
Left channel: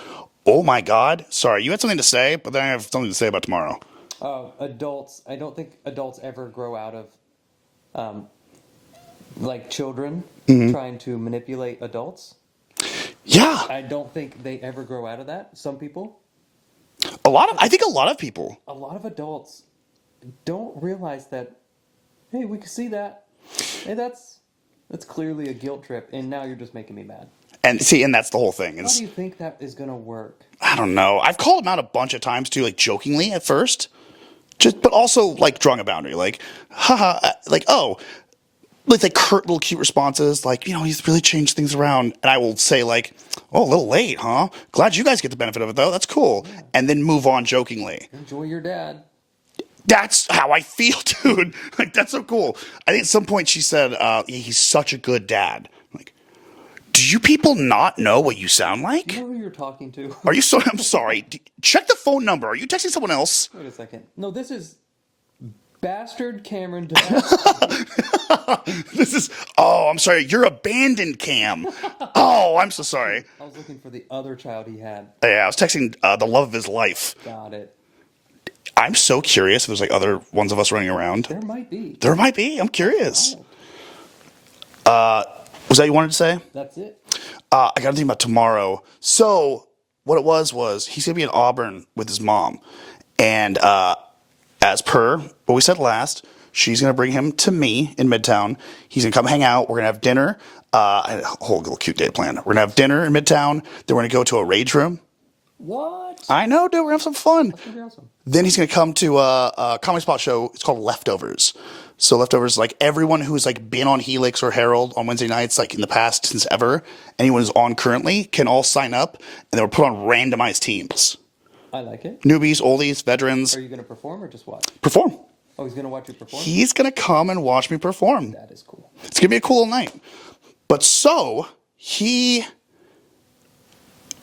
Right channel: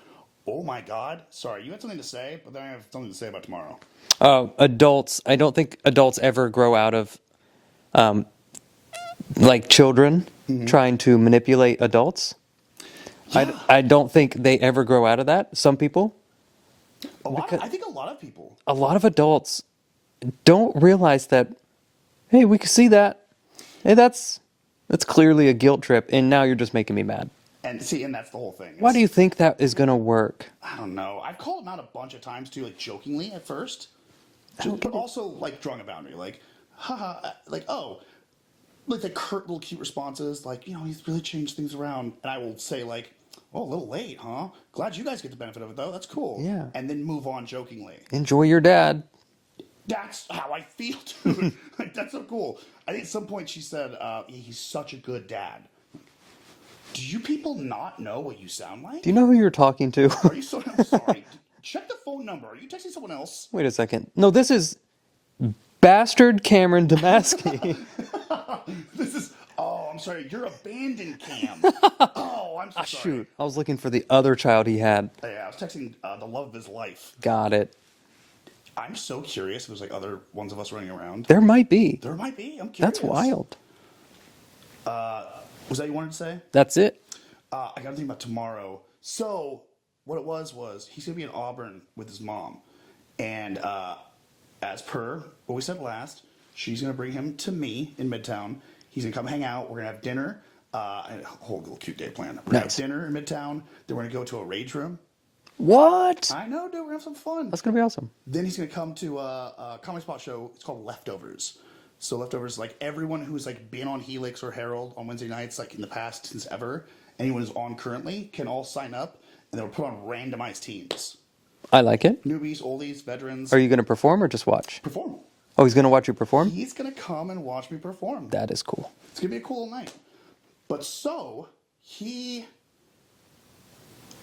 Oh my God. Sorry, you had something to say, but then I have something to say about tomorrow. Adults. I don't think adults ever grow out of, like children trying to manipulate adults. Yeah, I don't think they ever grow out of that. Some people. I think a lot of people. A lot of adults don't realize that. Hey, we can see that. Hey, that's clearly a guilt trip, and now you're just making me mad. And that's the whole thing. Why do you think that is going to work? I don't know. I've called him out a bunch of times too, like jokingly at first, but also like drawing a boundary, like, haha, like, oh, like curt little cute responses, like, you know, he's really changed things around, and I will say like, oh, a little late, huh? Glad you guys get the benefit of it though. That's cool. Yeah. And then move on jokingly. Enjoy your dad. That's how I feel, dude. Like, that's so cool. I think at some point she said, he's such a good dad. Like, do you people not know what you sound like? Do you know who you're talking to? Are you so? I'm sorry. Check the phone number. Are you texting someone else? Wait a second. No, this is bastard Cameron Damasky. This is. Oh, I'm sorry. You're abandoned, Cam. Oh, I'm so sorry. Shoot, I was looking for the other child he had. Yeah, I was texting the love of his life. Got it. I'm so curious if there's like other ones of us running around. There might be. There might be. I'm curious. That's wild. Was that you wanted to say? That's it. I got to think about tomorrow. So what it was he's going to be in Auburn with his mom. And as per what we said last, she's going to bring him to me in Midtown. He's going to come hang out. We're going to have dinner. A whole little cute day planned. We're going to have dinner in Midtown. Then we're going to go to a rage room. What? I know, dude. We're going to have some fun. That's going to be awesome. Then he's going to come to a comedy spot show. It's called Leftovers. So Leftovers, like everyone who's like been on Helix or Herald on Wednesday nights, like in the past since ever, anyone who's on currently can all sign up, and they were put on randomized teams. I like it. Newbies, oldies, veterans. Are you going to perform or just watch? Perform. Oh, he's going to watch you perform? He's going to come and watch me perform. That is cool. It's going to be a cool night. But so he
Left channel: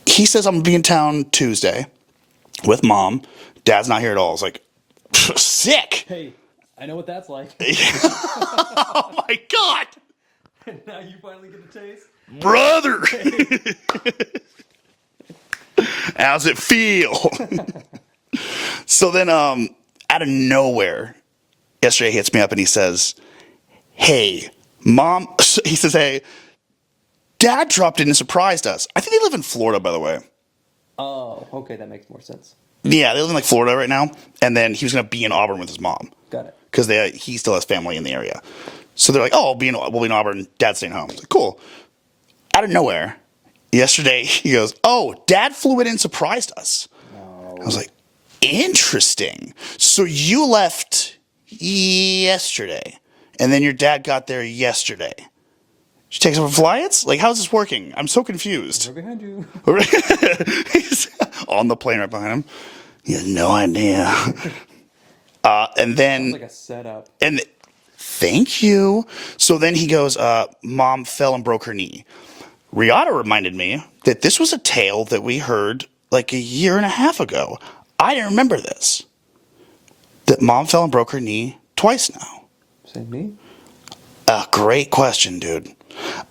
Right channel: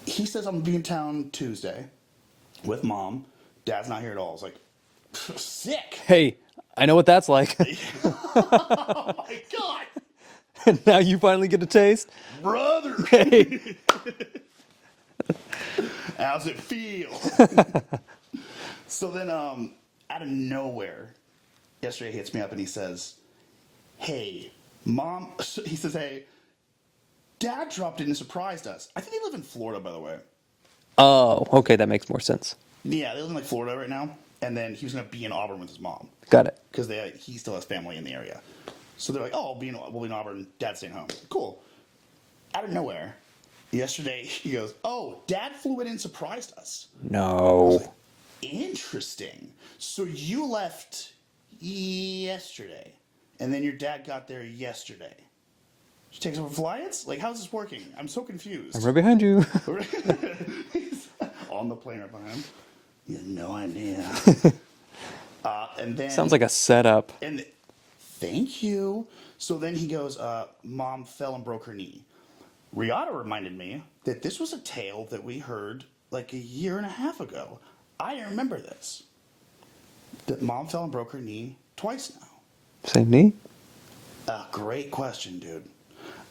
says I'm going to be in town Tuesday with mom. Dad's not here at all. It's like, sick. Hey, I know what that's like. Oh my God. Now you finally get a taste. Brother. Hey. How's it feel? So then, out of nowhere, yesterday he hits me up and he says, hey, Mom, he says, hey, Dad dropped in and surprised us. I think they live in Florida, by the way. Oh, okay, that makes more sense. Yeah, they live in like Florida right now. And then he was going to be in Auburn with his mom. Got it. Because he still has family in the area. So they're like, oh, we'll be in Auburn. Dad's staying home. I was like, cool. Out of nowhere, yesterday, he goes, oh, Dad flew in and surprised us. No. I was like, interesting. So you left yesterday, and then your dad got there yesterday. She takes over flights? Like, how's this working? I'm so confused. Right behind you. He's on the plane right behind him. He has no idea. And then Sounds like a setup. And thank you. So then he goes, Mom fell and broke her knee. Rihanna reminded me that this was a tale that we heard like a year and a half ago. I didn't remember this. That Mom fell and broke her knee twice now. Same knee? Great question, dude.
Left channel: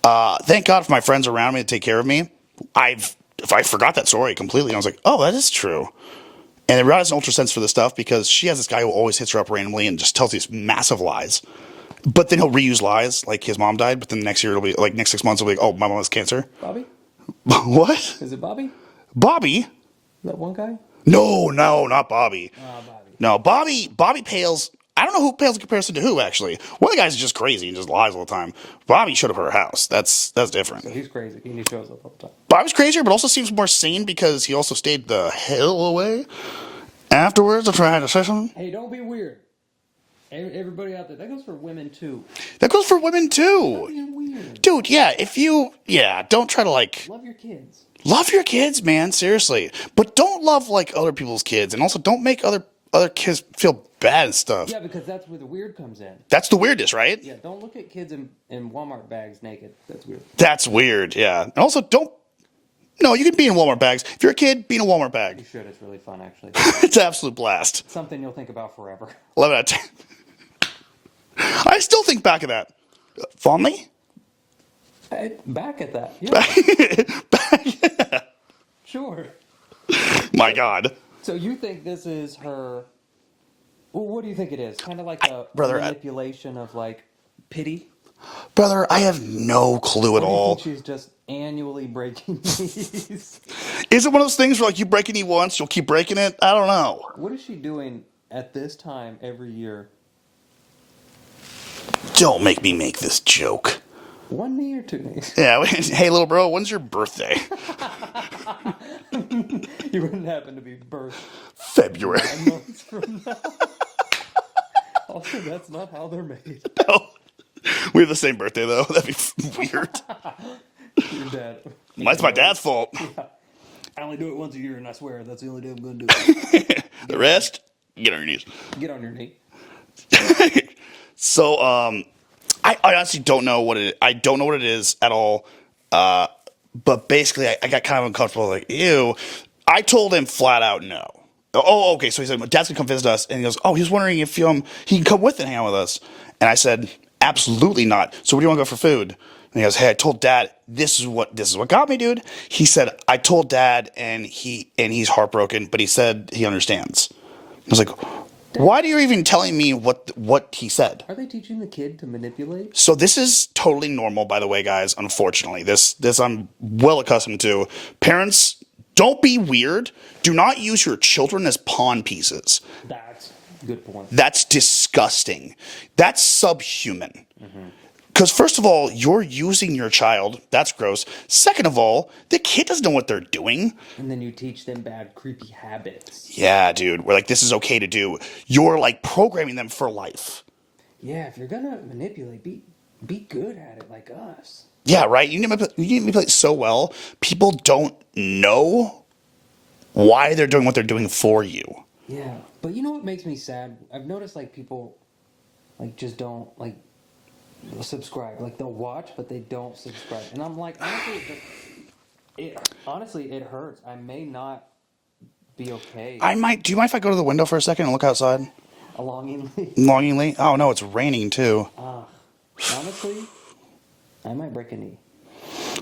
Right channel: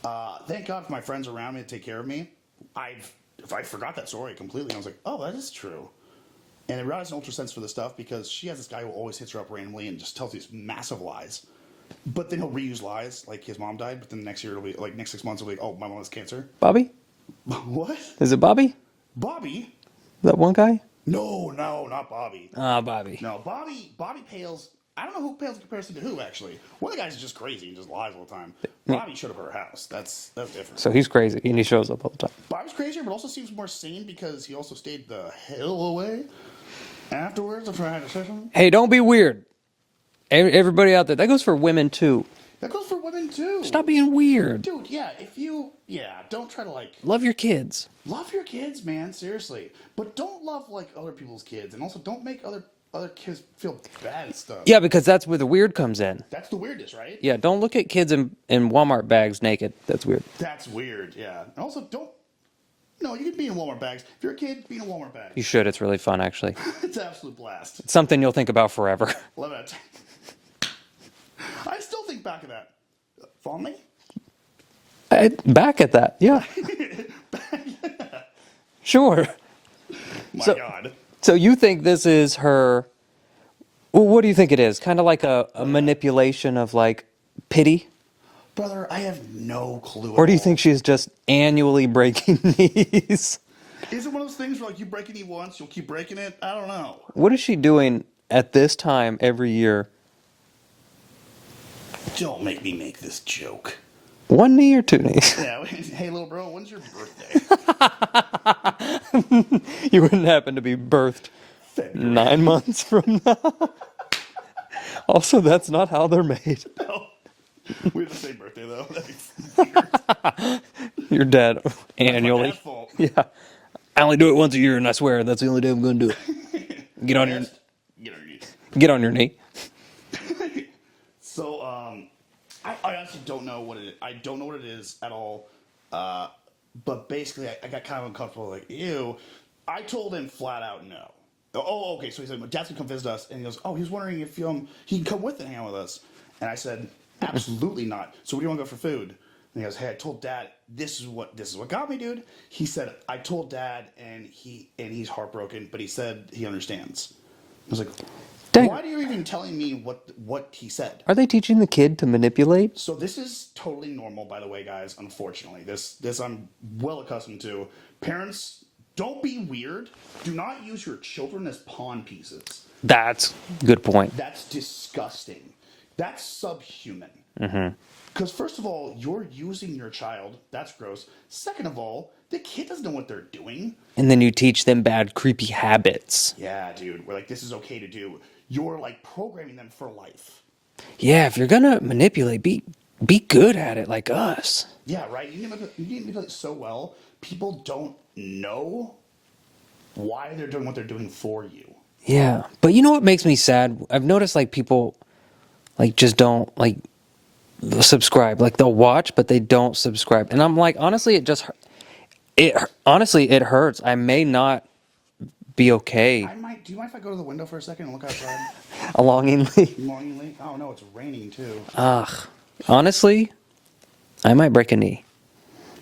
Thank God for my friends around me to take care of me. I forgot that story completely. I was like, oh, that is true. And Rihanna has an ultra sense for this stuff because she has this guy who always hits her up randomly and just tells these massive lies. But then he'll reuse lies, like his mom died, but then the next year it'll be, like next 6 months it'll be like, oh, my mom has cancer. Bobby? What? Is it Bobby? Bobby? That one guy? No, not Bobby. Bobby. No, Bobby pales. I don't know who pales in comparison to who, actually. One of the guys is just crazy and just lies all the time. Bobby showed up at her house. That's different. So he's crazy and he shows up all the time. Bobby's crazier, but also seems more sane because he also stayed the hell away afterwards after I had a session. Hey, don't be weird. Everybody out there, that goes for women too. That goes for women too. Stop being weird. Dude, yeah, don't try to like... Love your kids. Love your kids, man, seriously. But don't love like other people's kids, and also don't make other kids feel bad and stuff. Yeah, because that's where the weird comes in. That's the weirdness, right? Yeah, don't look at kids in Walmart bags naked. That's weird. That's weird, yeah. And also no, you can be in Walmart bags. If you're a kid, be in a Walmart bag. You should. It's really fun, actually. It's an absolute blast. It's something you'll think about forever. 11 out of 10. I still think back of that. Fondly? Back at that. Yeah. Sure. My God. So you think this is her... Well, what do you think it is? Kind of like a manipulation of like pity? Brother, I have no clue at all. Or do you think she's just annually breaking knees? Is it one of those things where like you break a knee once, you'll keep breaking it? I don't know. What is she doing at this time every year? Don't make me make this joke. One knee or two knees? Yeah. Hey, little bro, when's your birthday? You wouldn't happen to be birthed February. 9 months from now. Also, that's not how they're made. No. We have the same birthday, though. That'd be weird. Your dad. That's my dad's fault. Yeah. I only do it once a year, and I swear that's the only day I'm going to do it. The rest, get on your knees. Get on your knee. So, I honestly don't know what it is. I don't know what it is at all. But basically, I got kind of uncomfortable. Like, ew. I told him flat out no. Oh, okay. So he said, Dad's going to come visit us. And he goes, oh, he was wondering if he can come with and hang out with us. And I said, absolutely not. So where do you want to go for food? And he goes, hey, I told Dad, this is what got me, dude. He said, I told Dad, and he's heartbroken, but he said he understands. I was like, dang. Why are you even telling me what he said? Are they teaching the kid to manipulate? So this is totally normal, by the way, guys. Unfortunately, this I'm well accustomed to. Parents, don't be weird. Do not use your children as pawn pieces. That's a good point. That's disgusting. That's subhuman. Because first of all, you're using your child. That's gross. Second of all, the kid doesn't know what they're doing. And then you teach them bad, creepy habits. Yeah, dude. We're like, this is okay to do. You're like programming them for life. Yeah, if you're gonna manipulate, be good at it like us. Yeah, right. You need to manipulate so well. People don't know why they're doing what they're doing for you. Yeah, but you know what makes me sad? I've noticed like people like just don't like subscribe. Like they'll watch, but they don't subscribe. And I'm like, honestly, it hurts. I may not be okay. I might. Do you mind if I go to the window for a second and look outside? Longingly. Oh no, it's raining too. Ugh. Honestly, I might break a knee.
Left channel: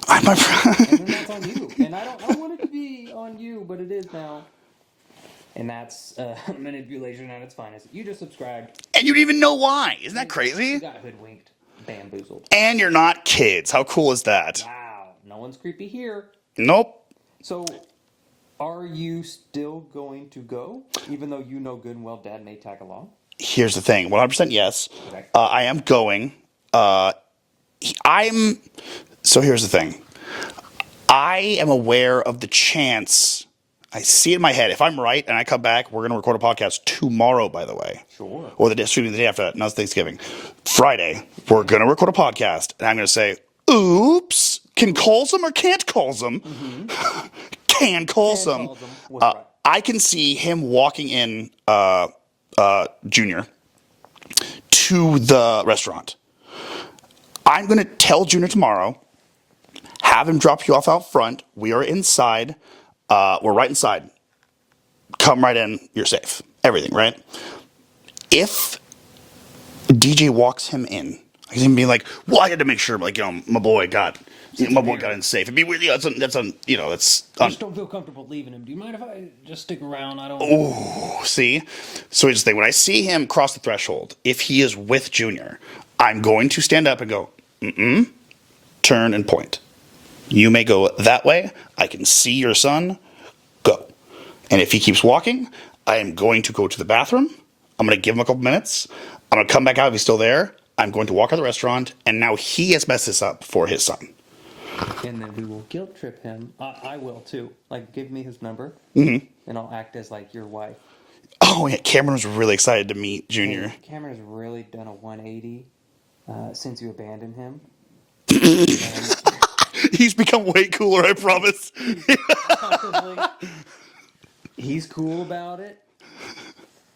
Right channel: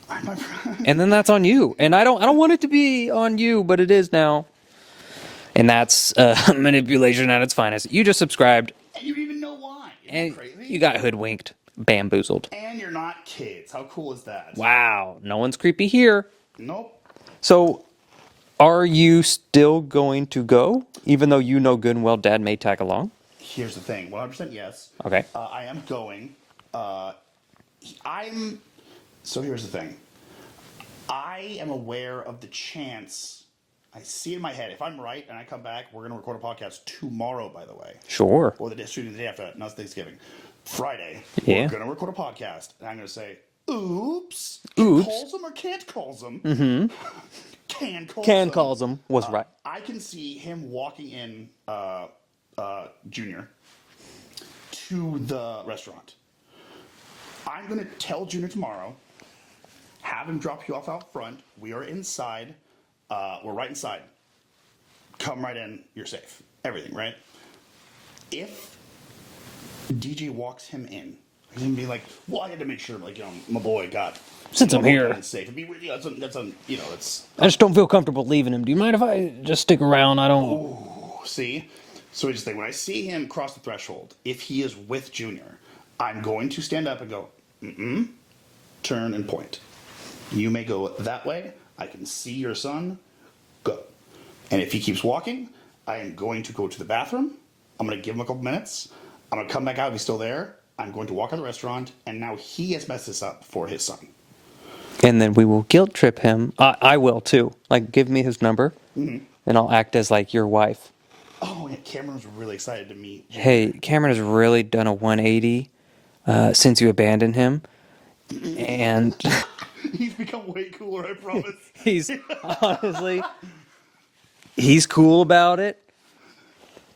I'm my And then that's on you. And I don't want it to be on you, but it is now. And that's manipulation at its finest. You just subscribed. And you didn't even know why. Isn't that and crazy? You got hoodwinked, bamboozled. And you're not kids. How cool is that? Wow, no one's creepy here. Nope. So, are you still going to go, even though you know good and well Dad may tag along? Here's the thing. 100% yes. Okay. I am going. So here's the thing. I am aware of the chance. I see it in my head. If I'm right and I come back, we're going to record a podcast tomorrow, by the way. Sure. Or the day after that. No, it's Thanksgiving. Friday, Yeah. we're going to record a podcast. And I'm going to say, oops. Can calls them or can't calls them? Mm-hmm. Can calls them. calls them was right. I can see him walking in Junior to the restaurant. I'm going to tell Junior tomorrow, have him drop you off out front. We are inside. We're right inside. Come right in. You're safe. Everything, right? If DJ walks him in, he's going to be like, well, I got to make sure, like, you know, my boy got in safe. It'd be weird. You know, that's I just don't feel comfortable leaving him. Do you mind if I just stick around? I don't. See? So here's the thing. When I see him cross the threshold, if he is with Junior, I'm going to stand up and go, turn and point. You may go that way. I can see your son. Go. And if he keeps walking, I am going to go to the bathroom. I'm going to give him a couple minutes. I'm going to come back out if he's still there. I'm going to walk out of the restaurant. And now he has messed this up for his son. And then we will guilt trip him. I will too. Like, give me his number, and I'll act as like your wife. Oh, yeah. Cameron was really excited to meet Junior. Hey, Cameron has really done a 180 since you abandoned him. And He's become way cooler, I promise. he's honestly, he's cool about it.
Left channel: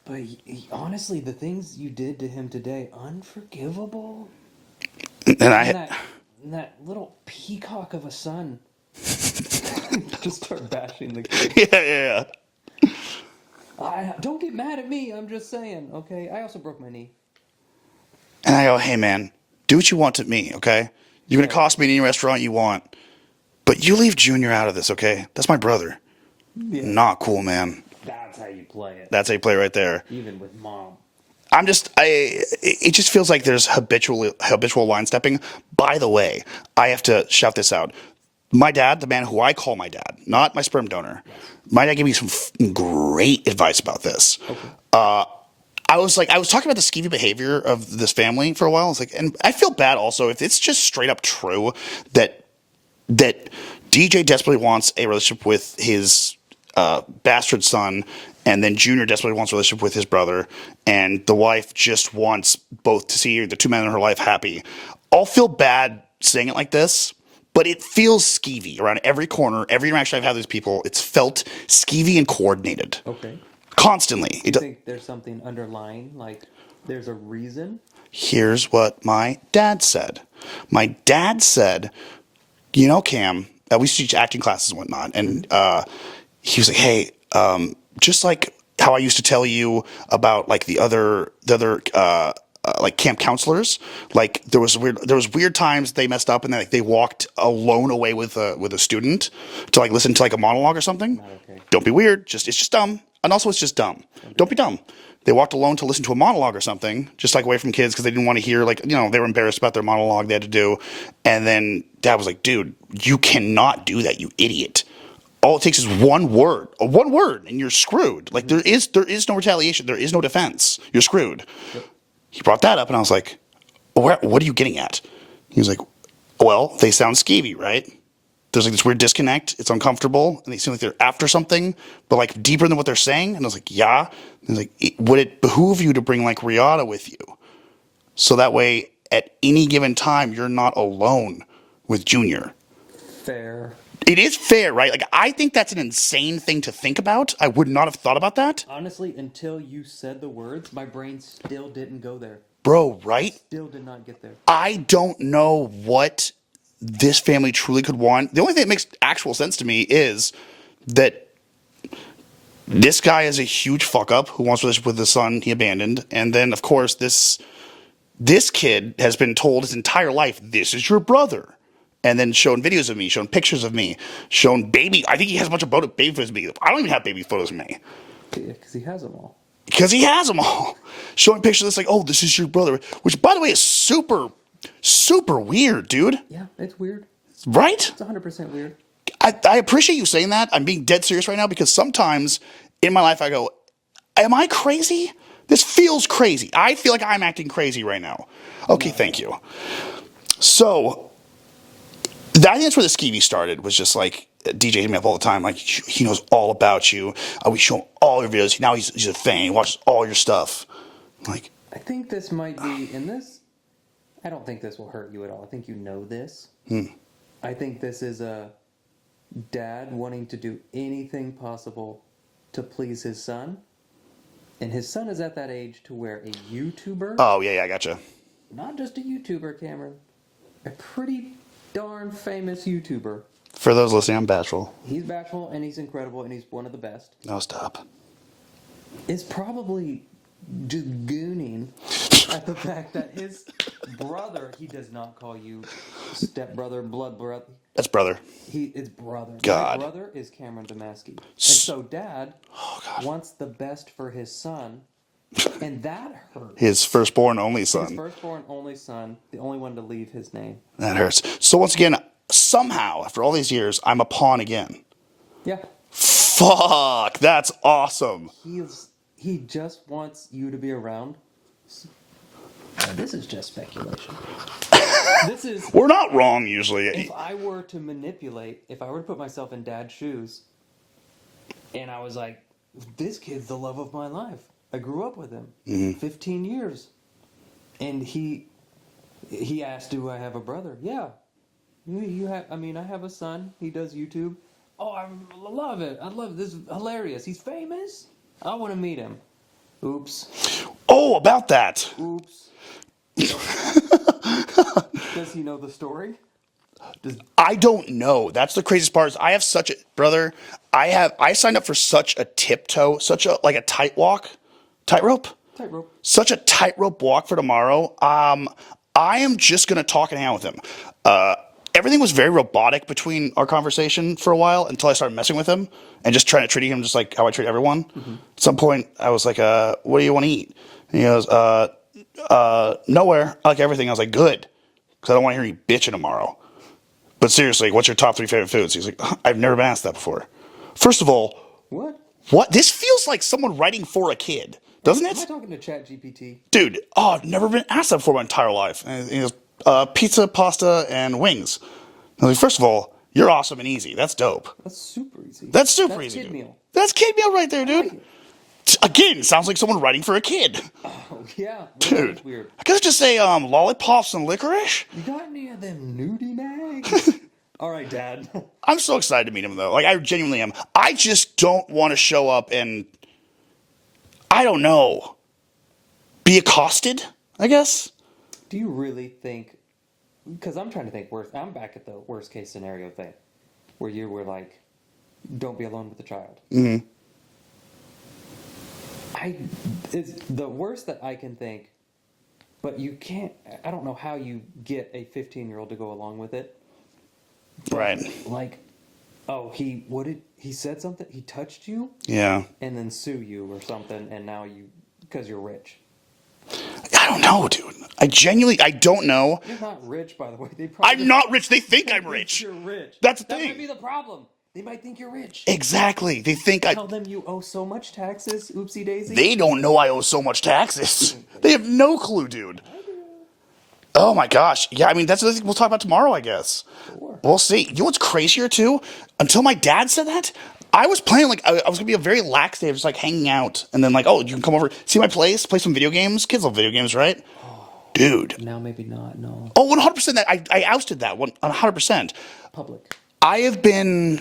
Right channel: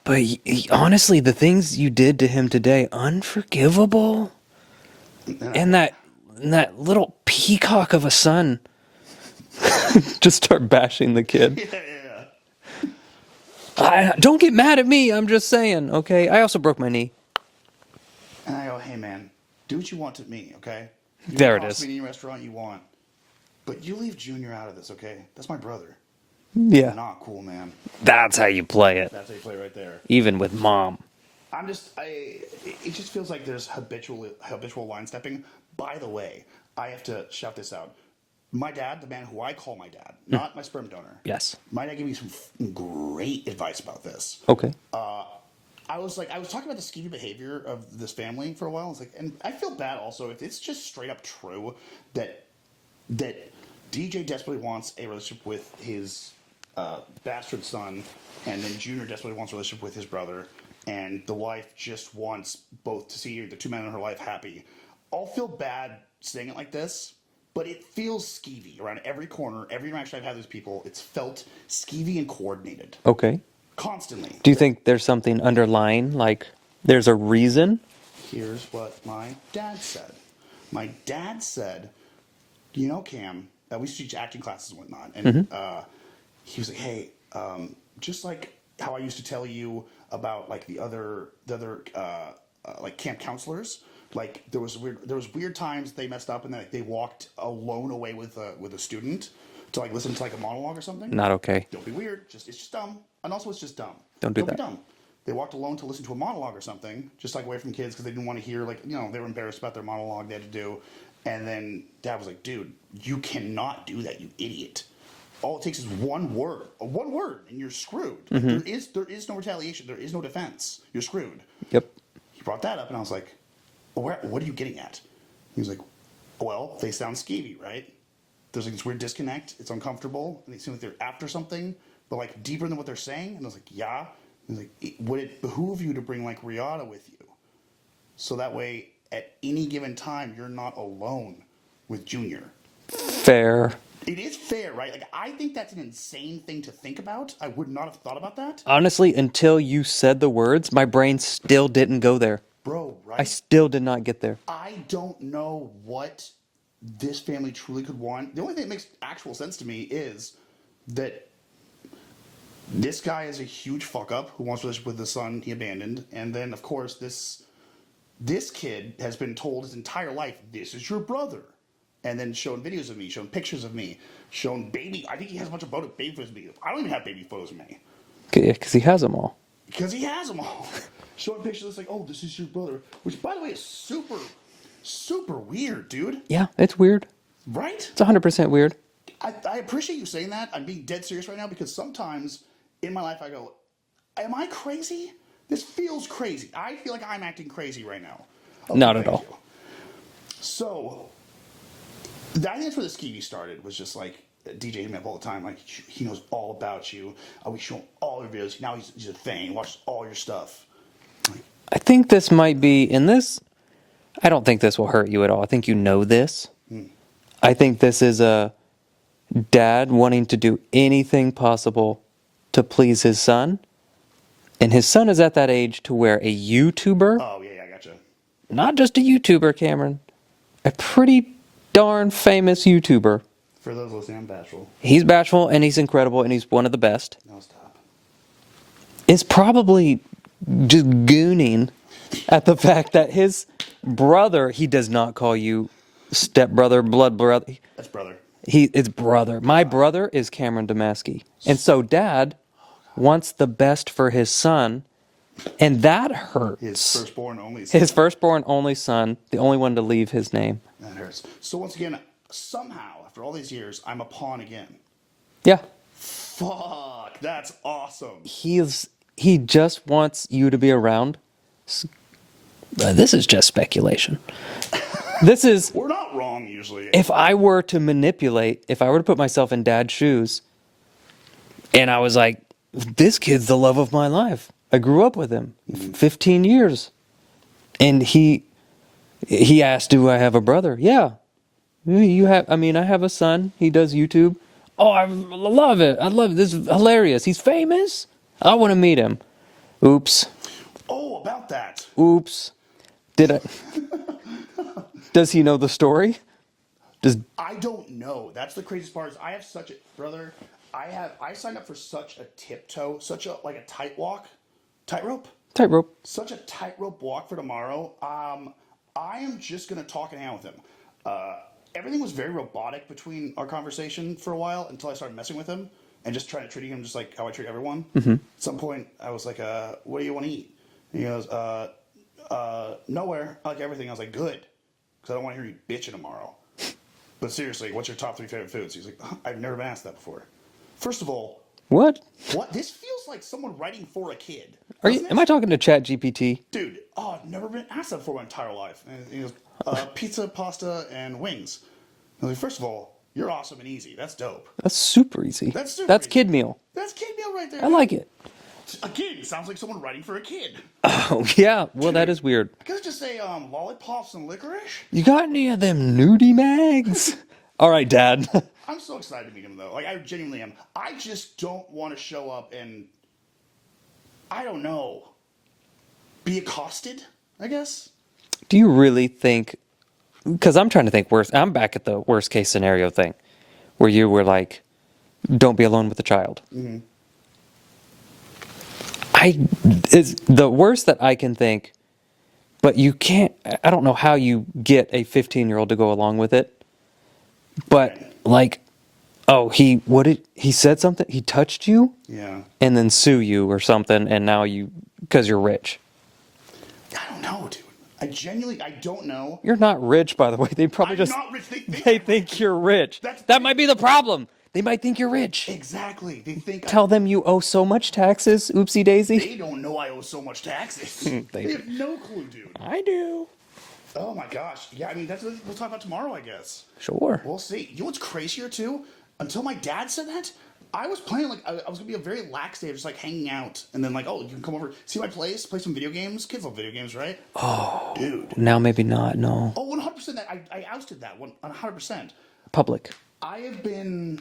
But honestly, the things you did to him today, unforgivable. And that little peacock of a son. Just start bashing the kid. Yeah. Don't get mad at me. I'm just saying, okay? I also broke my knee. And I go, hey, man, do what you want to me, okay? You can cost me any restaurant you want. But you leave Junior out of this, okay? That's my brother. Yeah. Not cool, man. That's how you play it. That's how you play right there. Even with mom. It just feels like there's habitual line stepping. By the way, I have to shout this out. My dad, the man who I call my dad, not my sperm donor. Yes. My dad gave me some great advice about this. Okay. I was talking about the skeevy behavior of this family for a while. I was like, and I feel bad also if it's just straight up true that DJ desperately wants a relationship with his bastard son, and then Junior desperately wants a relationship with his brother, and the wife just wants both to see the two men in her life happy. I'll feel bad saying it like this, but it feels skeevy around every corner, every interaction I've had with these people. It's felt skeevy and coordinated. Okay. Constantly. Do you think there's something underlying, like there's a reason? Here's what my dad said. My dad said, you know, Cam, we used to teach acting classes and whatnot, and he was like, hey, just like how I used to tell you about like the other like camp counselors, like there was weird times they messed up and they walked alone away with a student to like listen to like a monologue or something. Not okay. Don't be weird. It's just dumb. And also it's just dumb. Don't be dumb. They walked alone to listen to a monologue or something, just like away from kids because they didn't want to hear, like, you know, they were embarrassed about their monologue they had to do. And then Dad was like, dude, you cannot do that, you idiot. All it takes is one word, and you're screwed. Like there is no retaliation. There is no defense. You're screwed. Yep. He brought that up, and I was like, what are you getting at? He was like, well, they sound skeevy, right? There's like this weird disconnect. It's uncomfortable, and they seem like they're after something, but like deeper than what they're saying. And I was like, yeah. And he's like, would it behoove you to bring like Riata with you, so that way at any given time you're not alone with Junior? Fair. It is fair, right? Like I think that's an insane thing to think about. I would not have thought about that, Honestly, until you said the words, my brain still didn't go there. bro. I Right? still did not get there. I don't know what this family truly could want. The only thing that makes actual sense to me is that this guy is a huge fuck up who wants a relationship with the son he abandoned. And then, of course, this kid has been told his entire life, this is your brother. and then showing videos of me, showing pictures of me, showing baby. I think he has a bunch of baby photos of me. I don't even have baby photos of me. Yeah, because he has them all. Because he has them all. Showing pictures that's like, oh, this is your brother. Which, by the way, is super, super weird, dude. Yeah, it's weird. Right? It's 100% weird. I appreciate you saying that. I'm being dead serious right now because sometimes in my life I go, am I crazy? This feels crazy. I feel like I'm acting crazy right now. Okay, Not at thank all. you. So, I think that's where the Skeevy started, was just like, DJ hit me up all the time, like, he knows all about you. We show him all your videos. Now he's a fan. He watches all your stuff. Like, I think this might be, in this, I don't think this will hurt you at all. I think you know this. I think this is a dad wanting to do anything possible to please his son. And his son is at that age to where a YouTuber, oh, yeah, I gotcha. not just a YouTuber, Cameron, a pretty darn famous YouTuber. For those listening, I'm bashful. He's bashful and he's incredible and he's one of the best. No, stop. Is probably just gooning at the fact that his brother, he does not call you stepbrother, blood brother. That's brother. It's brother. My God. brother is Cameron Damaski. And so dad wants the best for his son, and that hurts. His firstborn only son. His firstborn only son, the only one to leave his name. That hurts. So once again, somehow, after all these years, I'm a pawn again. Yeah. Fuck, that's awesome. He just wants you to be around. This is just speculation. This is... We're not wrong, usually. If I were to manipulate, if I were to put myself in dad's shoes, and I was like, this kid's the love of my life. I grew up with him 15 years. And he asked, do I have a brother? Yeah. You have, I have a son. He does YouTube. Oh, I love it. I love it. This is hilarious. He's famous. I want to meet him. Oops. Oh, about that. Oops. Does he know the story? I don't know. That's the craziest part. Is I have such a brother. I signed up for such a tiptoe, such a tightrope. Tightrope. Such a tightrope walk for tomorrow. I am just gonna talk and hang out with him. Everything was very robotic between our conversation for a while until I started messing with him and just trying to treat him just like how I treat everyone. At some point, I was like, "What do you want to eat?" And he goes, "Nowhere. I like everything." I was like, "Good," because I don't want to hear you bitching tomorrow. But seriously, what's your top 3 favorite foods? He's like, I've never been asked that before. First of all, What? this feels like someone writing for a kid, doesn't it? Am I talking to ChatGPT? Dude, I've never been asked that before my entire life. And he goes, pizza, pasta, and wings. I was like, first of all, you're awesome and easy. That's dope. That's super easy. That's super That's easy. kid meal. That's kid meal right there, dude. I like it. Again, sounds like someone writing for a kid. Oh, yeah. Well, that Dude. is weird. I could just say lollipops and licorice. You got any of them nudie mags? All right, Dad. I'm so excited to meet him, though. Like, I genuinely am. I just don't want to show up and, I don't know, be accosted, I guess. Do you really think... Because I'm trying to think worse. I'm back at the worst case scenario thing. Where you were like, don't be alone with a child. Mm-hmm. It's the worst that I can think. But you can't... I don't know how you get a 15-year-old to go along with it. But, Right. he said something? He touched you? Yeah. And then sue you or something, and now because you're rich. I don't know, dude. I don't know. You're not rich, by the way. They probably I'm not rich. They think They I'm think rich. you're rich. That's the that thing. might be the problem. They might think you're rich. Exactly. They think Tell them you owe so much taxes, oopsie daisy. they don't know I owe so much taxes. They have no clue, dude. I do. Oh my gosh. Yeah, I mean, that's the thing we'll talk about tomorrow, I guess. Sure. We'll see. You know what's crazier, too? Until my dad said that, I was planning, like, I was going to be a very lax day of just, like, hanging out. And then, like, oh, you can come over, see my place, play some video games. Kids love video games, right? Oh. Dude. Now maybe not, no. Oh, 100%. I ousted that, 100%. Public. I have been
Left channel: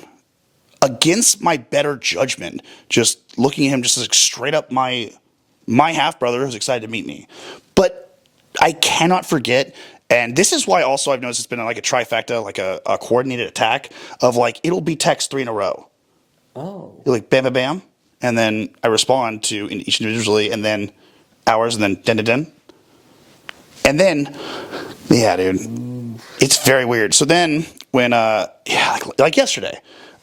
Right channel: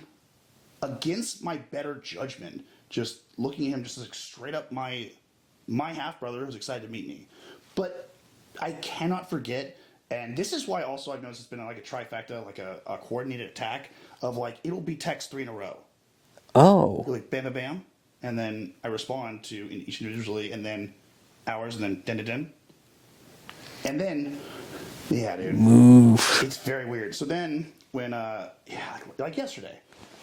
against my better judgment, just looking at him just as straight up my half-brother who's excited to meet me. But I cannot forget, and this is why also I've noticed it's been like a trifecta, like a coordinated attack of like, it'll be text 3 in a row. Oh. Like bam, bam, bam. And then I respond to each individually, and then hours, and then den. And then Yeah, dude. It's very weird. So then when, like yesterday,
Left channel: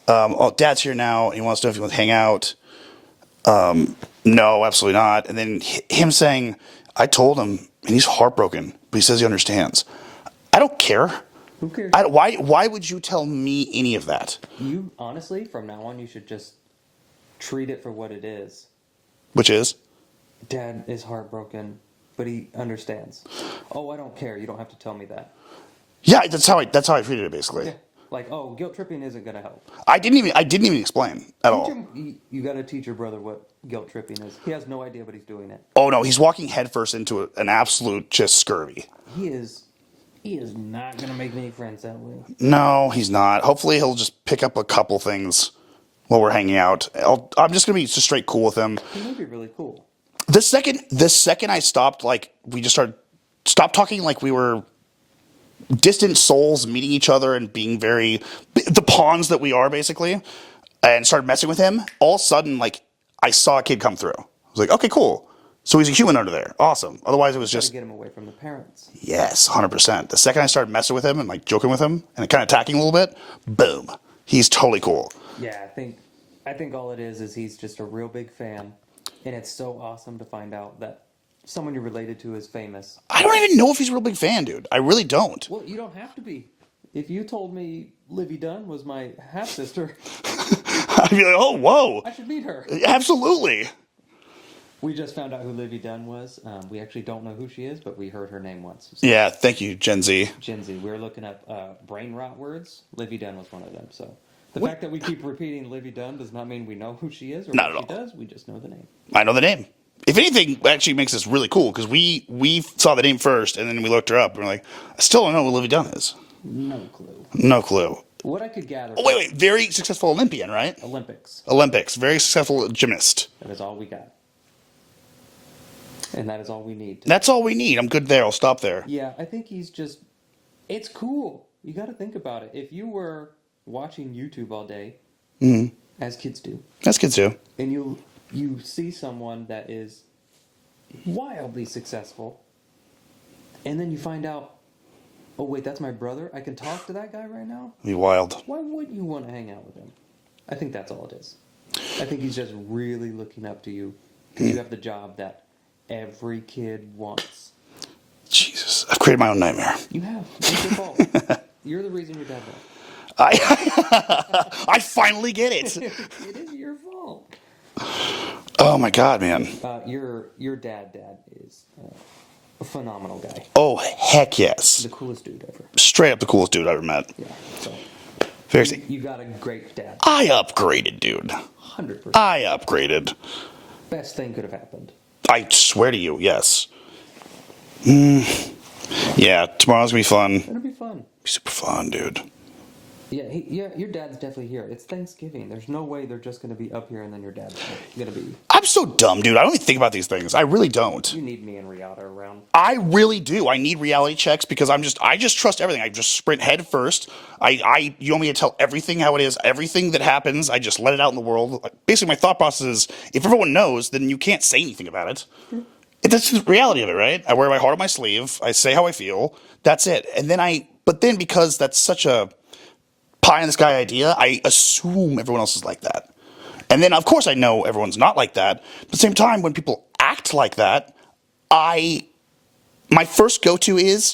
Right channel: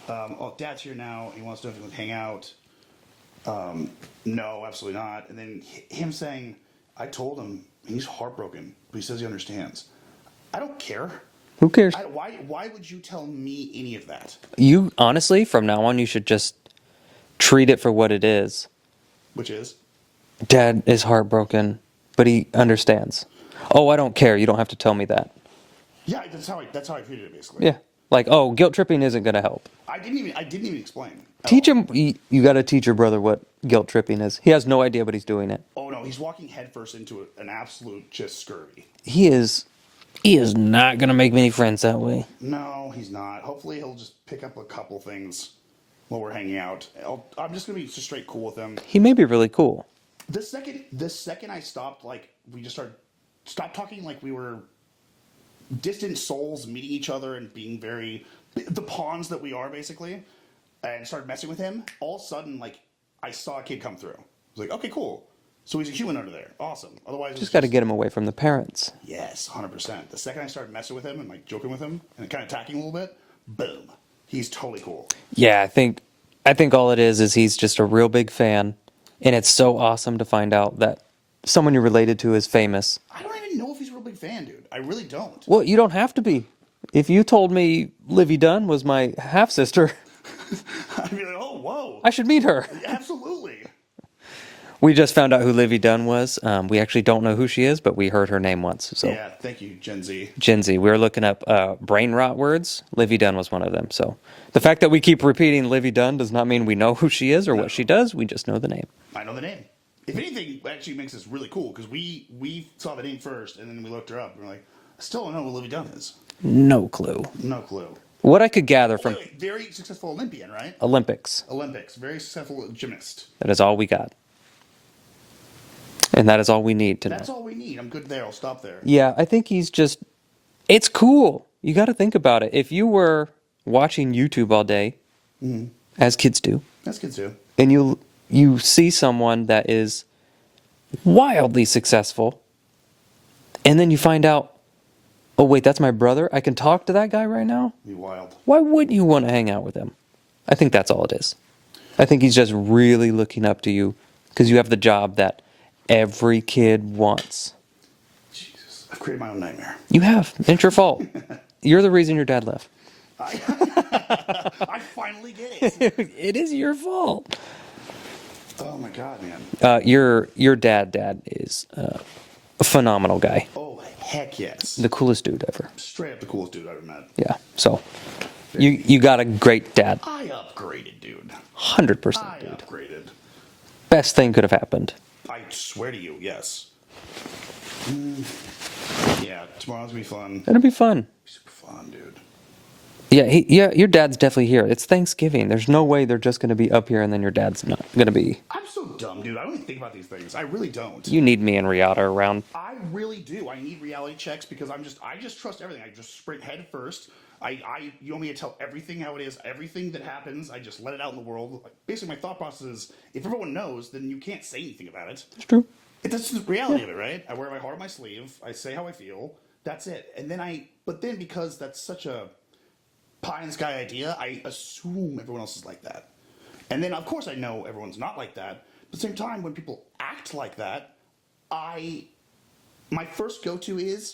oh, Dad's here now. He wants to know if he wants to hang out. No, absolutely not. And then him saying, I told him, and he's heartbroken, but he says he understands. I don't care. Who cares? Why would you tell me any of that? You, honestly, from now on, you should just treat it for what it is. Which is? Dad is heartbroken, but he understands. Oh, I don't care. You don't have to tell me that. Yeah, that's how I treated it, basically. Yeah. Like, oh, guilt tripping isn't going to help. I didn't even explain. Teach him. You got to teach your brother what guilt tripping is. He has no idea, but he's doing it. Oh no, he's walking headfirst into an absolute just scurvy. He is not going to make many friends that way. No, he's not. Hopefully, he'll just pick up a couple things while we're hanging out. I'm just gonna be just straight cool with him. He may be really cool. The second I stopped, like we just stopped talking like we were distant souls meeting each other and being the pawns that we are basically, and started messing with him. All of a sudden, like I saw a kid come through. I was like, okay, cool. So he's a human under there. Awesome. Otherwise, it was Got just to get him away from the parents. yes, 100%. The second I started messing with him and like joking with him and kind of attacking a little bit, boom, he's totally cool. Yeah, I think all it is he's just a real big fan, and it's so awesome to find out that someone you're related to is famous. I don't even know if he's a real big fan, dude. I really don't. Well, you don't have to be. If you told me Livy Dunn was my half sister, I'd be like, oh, whoa. I should meet her. Absolutely. We just found out who Livy Dunn was. We actually don't know who she is, but we heard her name once. So. Yeah, thank you, Gen Z. Gen Z. We were looking up brain rot words. Livy Dunn was one of them. So the fact that we keep repeating Livy Dunn does not mean we know who she is or what she does. We just know the name. I know the name. If anything, actually makes this really cool because we saw the name first and then we looked her up and we're like, I still don't know what Livy Dunn is. No clue. No clue. What I could gather from Wait. Very successful Olympian, right? Olympics. Very successful gymnast. That is all we got. And that is all we need to That's all we need. I'm good there. I'll stop there. Yeah, I think he's just... It's cool. You got to think about it. If you were watching YouTube all day, as kids do. As kids do. And you see someone that is wildly successful, and then you find out, oh, wait, that's my brother? I can talk to that guy right now? Be wild. Why wouldn't you want to hang out with him? I think that's all it is. I think he's just really looking up to you because you have the job that every kid wants. Jesus. I've created my own nightmare. You have. It's your fault. You're the reason your dad left. I finally get it. It is your fault. Oh, my God, man. Your dad is a phenomenal guy. Oh, heck yes. The coolest dude ever. Straight up the coolest dude I ever met. Yeah. So Very you got a great dad. I upgraded, dude. 100%. I upgraded. Best thing could have happened. I swear to you, yes. Yeah, tomorrow's gonna be fun. It'll be fun. Super fun, dude. Yeah, your dad's definitely here. It's Thanksgiving. There's no way they're just going to be up here and then your dad's not going to be. I'm so dumb, dude. I don't even think about these things. I really don't. You need me and Riata around. I really do. I need reality checks because I just trust everything. I just sprint head first. You want me to tell everything how it is, everything that happens. I just let it out in the world. Basically, my thought process is, if everyone knows, then you can't say anything about it. It's true. That's the reality of it, right? I wear my heart on my sleeve. I say how I feel. That's it. And then but then because that's such a pie in the sky idea, I assume everyone else is like that. And then, of course, I know everyone's not like that. But at the same time, when people act like that, my first go-to is,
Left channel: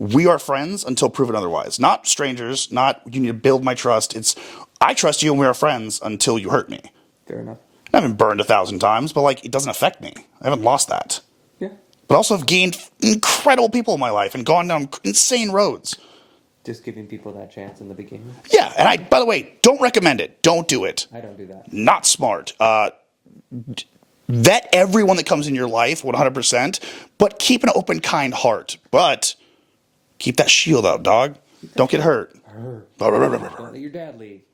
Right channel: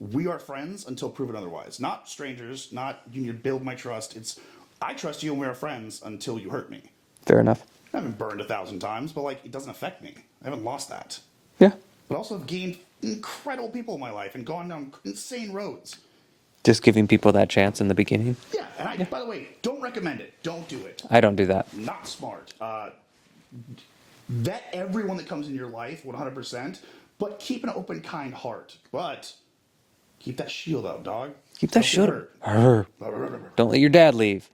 we are friends until proven otherwise. Not strangers, not you need to build my trust. It's, I trust you and we are friends until you hurt me. Fair enough. I haven't burned 1,000 times, but like, it doesn't affect me. I haven't lost that. Yeah. But also have gained incredible people in my life and gone down insane roads. Just giving people that chance in the beginning. Yeah, and by the way, don't recommend it. Don't do it. I don't do that. Not smart. Vet everyone that comes in your life 100%, but keep an open, kind heart. But keep that shield up, dog. Don't get hurt. Don't let your dad leave.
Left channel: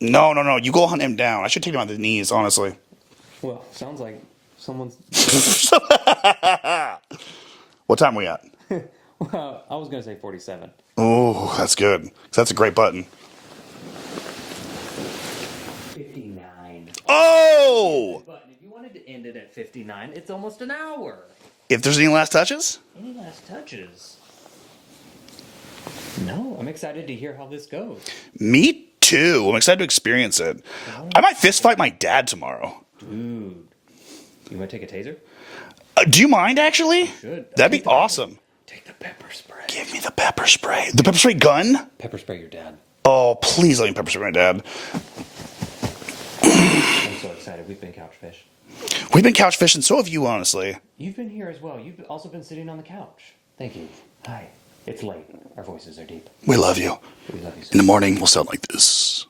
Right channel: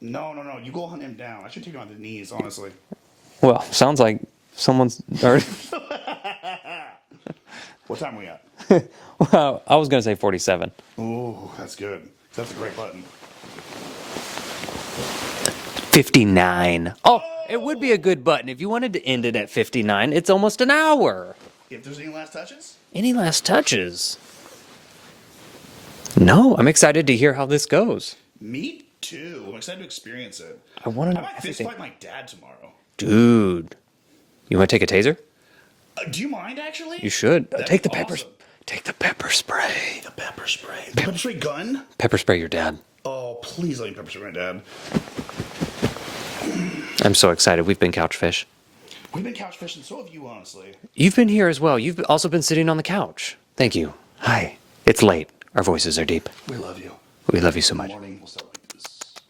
No. You go hunt him down. I should take him on the knees, honestly. Well, sounds like someone's hurt. What time are we at? Well, I was going to say 47. Oh, that's good. That's a great button. 59. Oh! It would be a good button. If you wanted to end it at 59, it's almost an hour. If there's any last touches? Any last touches? No, I'm excited to hear how this goes. Me too. I'm excited to experience it. I might fist fight my dad tomorrow. Dude. You want to take a taser? Do you mind, actually? You should. That'd be awesome. Take the pepper spray. Give me the pepper spray. The pepper spray gun? Pepper spray your dad. Oh, please let me pepper spray my dad. I'm so excited. We've been couch fish. We've been couch fishing, so have you, honestly. You've been here as well. You've also been sitting on the couch. Thank you. Hi. It's late. Our voices are deep. We love you. We love you so In the much. morning, we'll sound like this.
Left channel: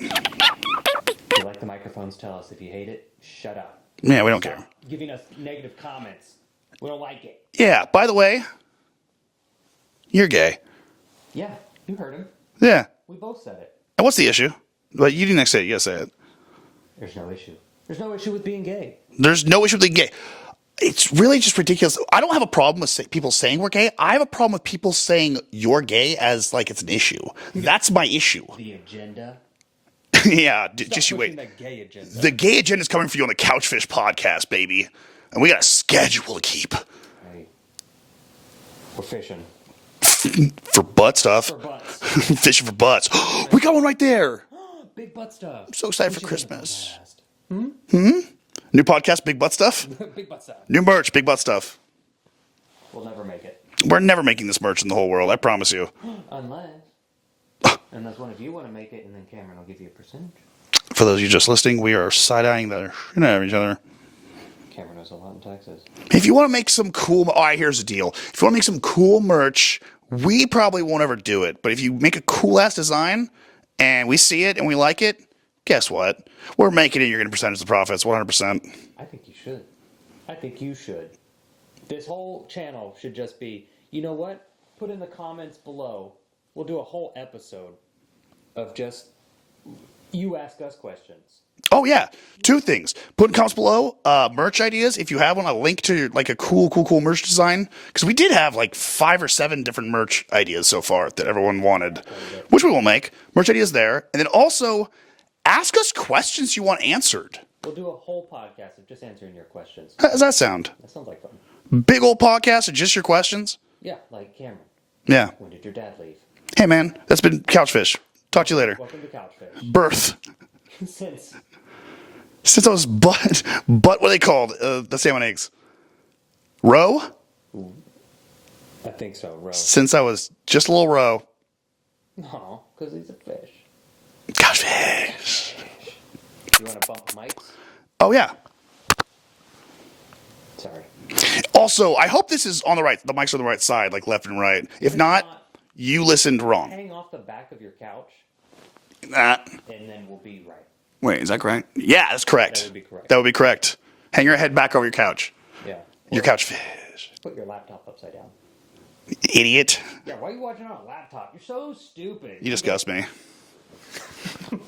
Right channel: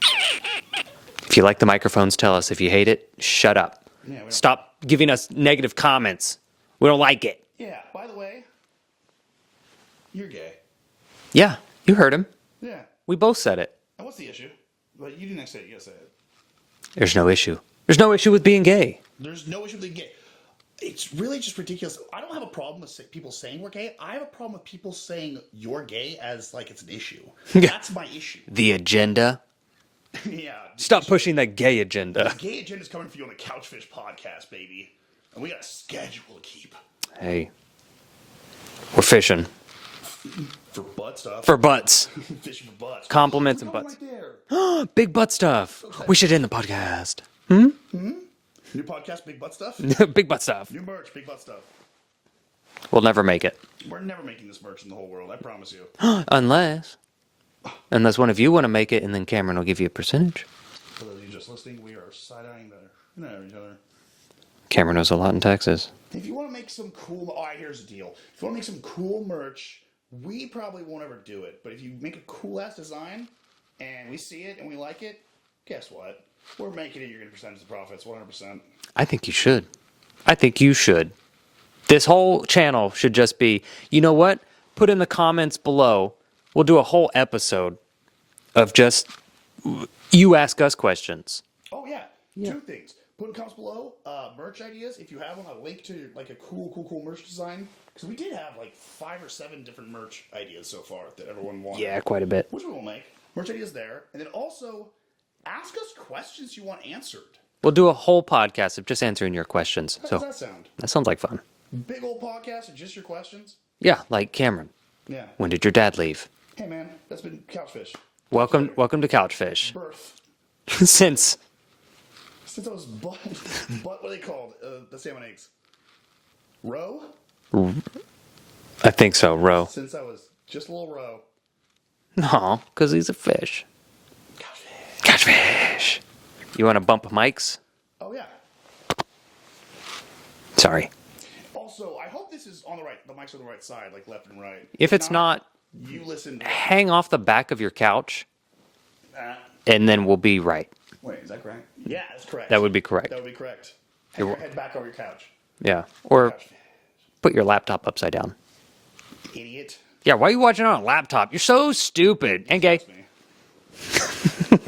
If you like the microphones, tell us. If you hate it, shut up. Yeah, we don't Stop care. giving us negative comments. We don't like it. Yeah, by the way, you're gay. Yeah, you heard him. Yeah. We both said it. And what's the issue? But you didn't say it. You gotta say it. There's no issue. There's no issue with being gay. There's no issue with being gay. It's really just ridiculous. I don't have a problem with people saying we're gay. I have a problem with people saying you're gay as like it's an issue. That's my issue. The agenda. Yeah. Stop just you pushing wait. the gay agenda. The gay agenda is coming for you on the Couchfish podcast, baby. And we got a schedule to keep. Hey, we're fishing. For butt stuff. For butts. Fishing for butts. Compliments. We got one right there. Big butt stuff. So excited We for should end the Christmas. podcast. New podcast, big butt stuff. Big butt stuff. New merch, big butt stuff. We'll never make it. We're never making this merch in the whole world. I promise you. Unless one of you want to make it, and then Cameron will give you a percentage. For those of you just listening, we are side-eyeing the shit out of each other. Cameron knows a lot in Texas. If you want to make some cool... All right, here's the deal. If you want to make some cool merch, we probably won't ever do it. But if you make a cool-ass design, and we see it, and we like it, guess what? We're making it. You're going to percentage the profits, 100%. I think you should. I think you should. This whole channel should just be, you know what? Put in the comments below. We'll do a whole episode of just you ask us questions. Oh, yeah. Two things. Put in comments below merch ideas. If you have one, a link to like a cool merch design. Because we did have like 5 or 7 different merch ideas so far that everyone wanted. Yeah, quite a bit. Which we will make. Merch ideas there. And then also, ask us questions you want answered. We'll do a whole podcast of just answering your questions. How does that sound? That sounds like fun. Big old podcast of just your questions? Yeah, like Cameron. Yeah. When did your dad leave? Hey, man. That's been Couchfish. Talk to you later. Welcome to Couchfish. Birth. Since I was what are they called? The salmon eggs. Roe? I think so, Ro. Since I was just a little roe. No, because he's a fish. Couchfish. Catfish. You want to bump mics? Oh, yeah. Sorry. Also, I hope this is on the right. The mics are on the right side, like left and right. If it's not, you listened wrong. hang off the back of your couch, Ah. and then we'll be right. Wait, is that correct? Yeah, that's correct. That would be correct. That would be correct. Hang your head back over your couch. Yeah. Your Or couch fish. put your laptop upside down. Idiot. Yeah, why are you watching on a laptop? You're so stupid. You And gay. disgust me.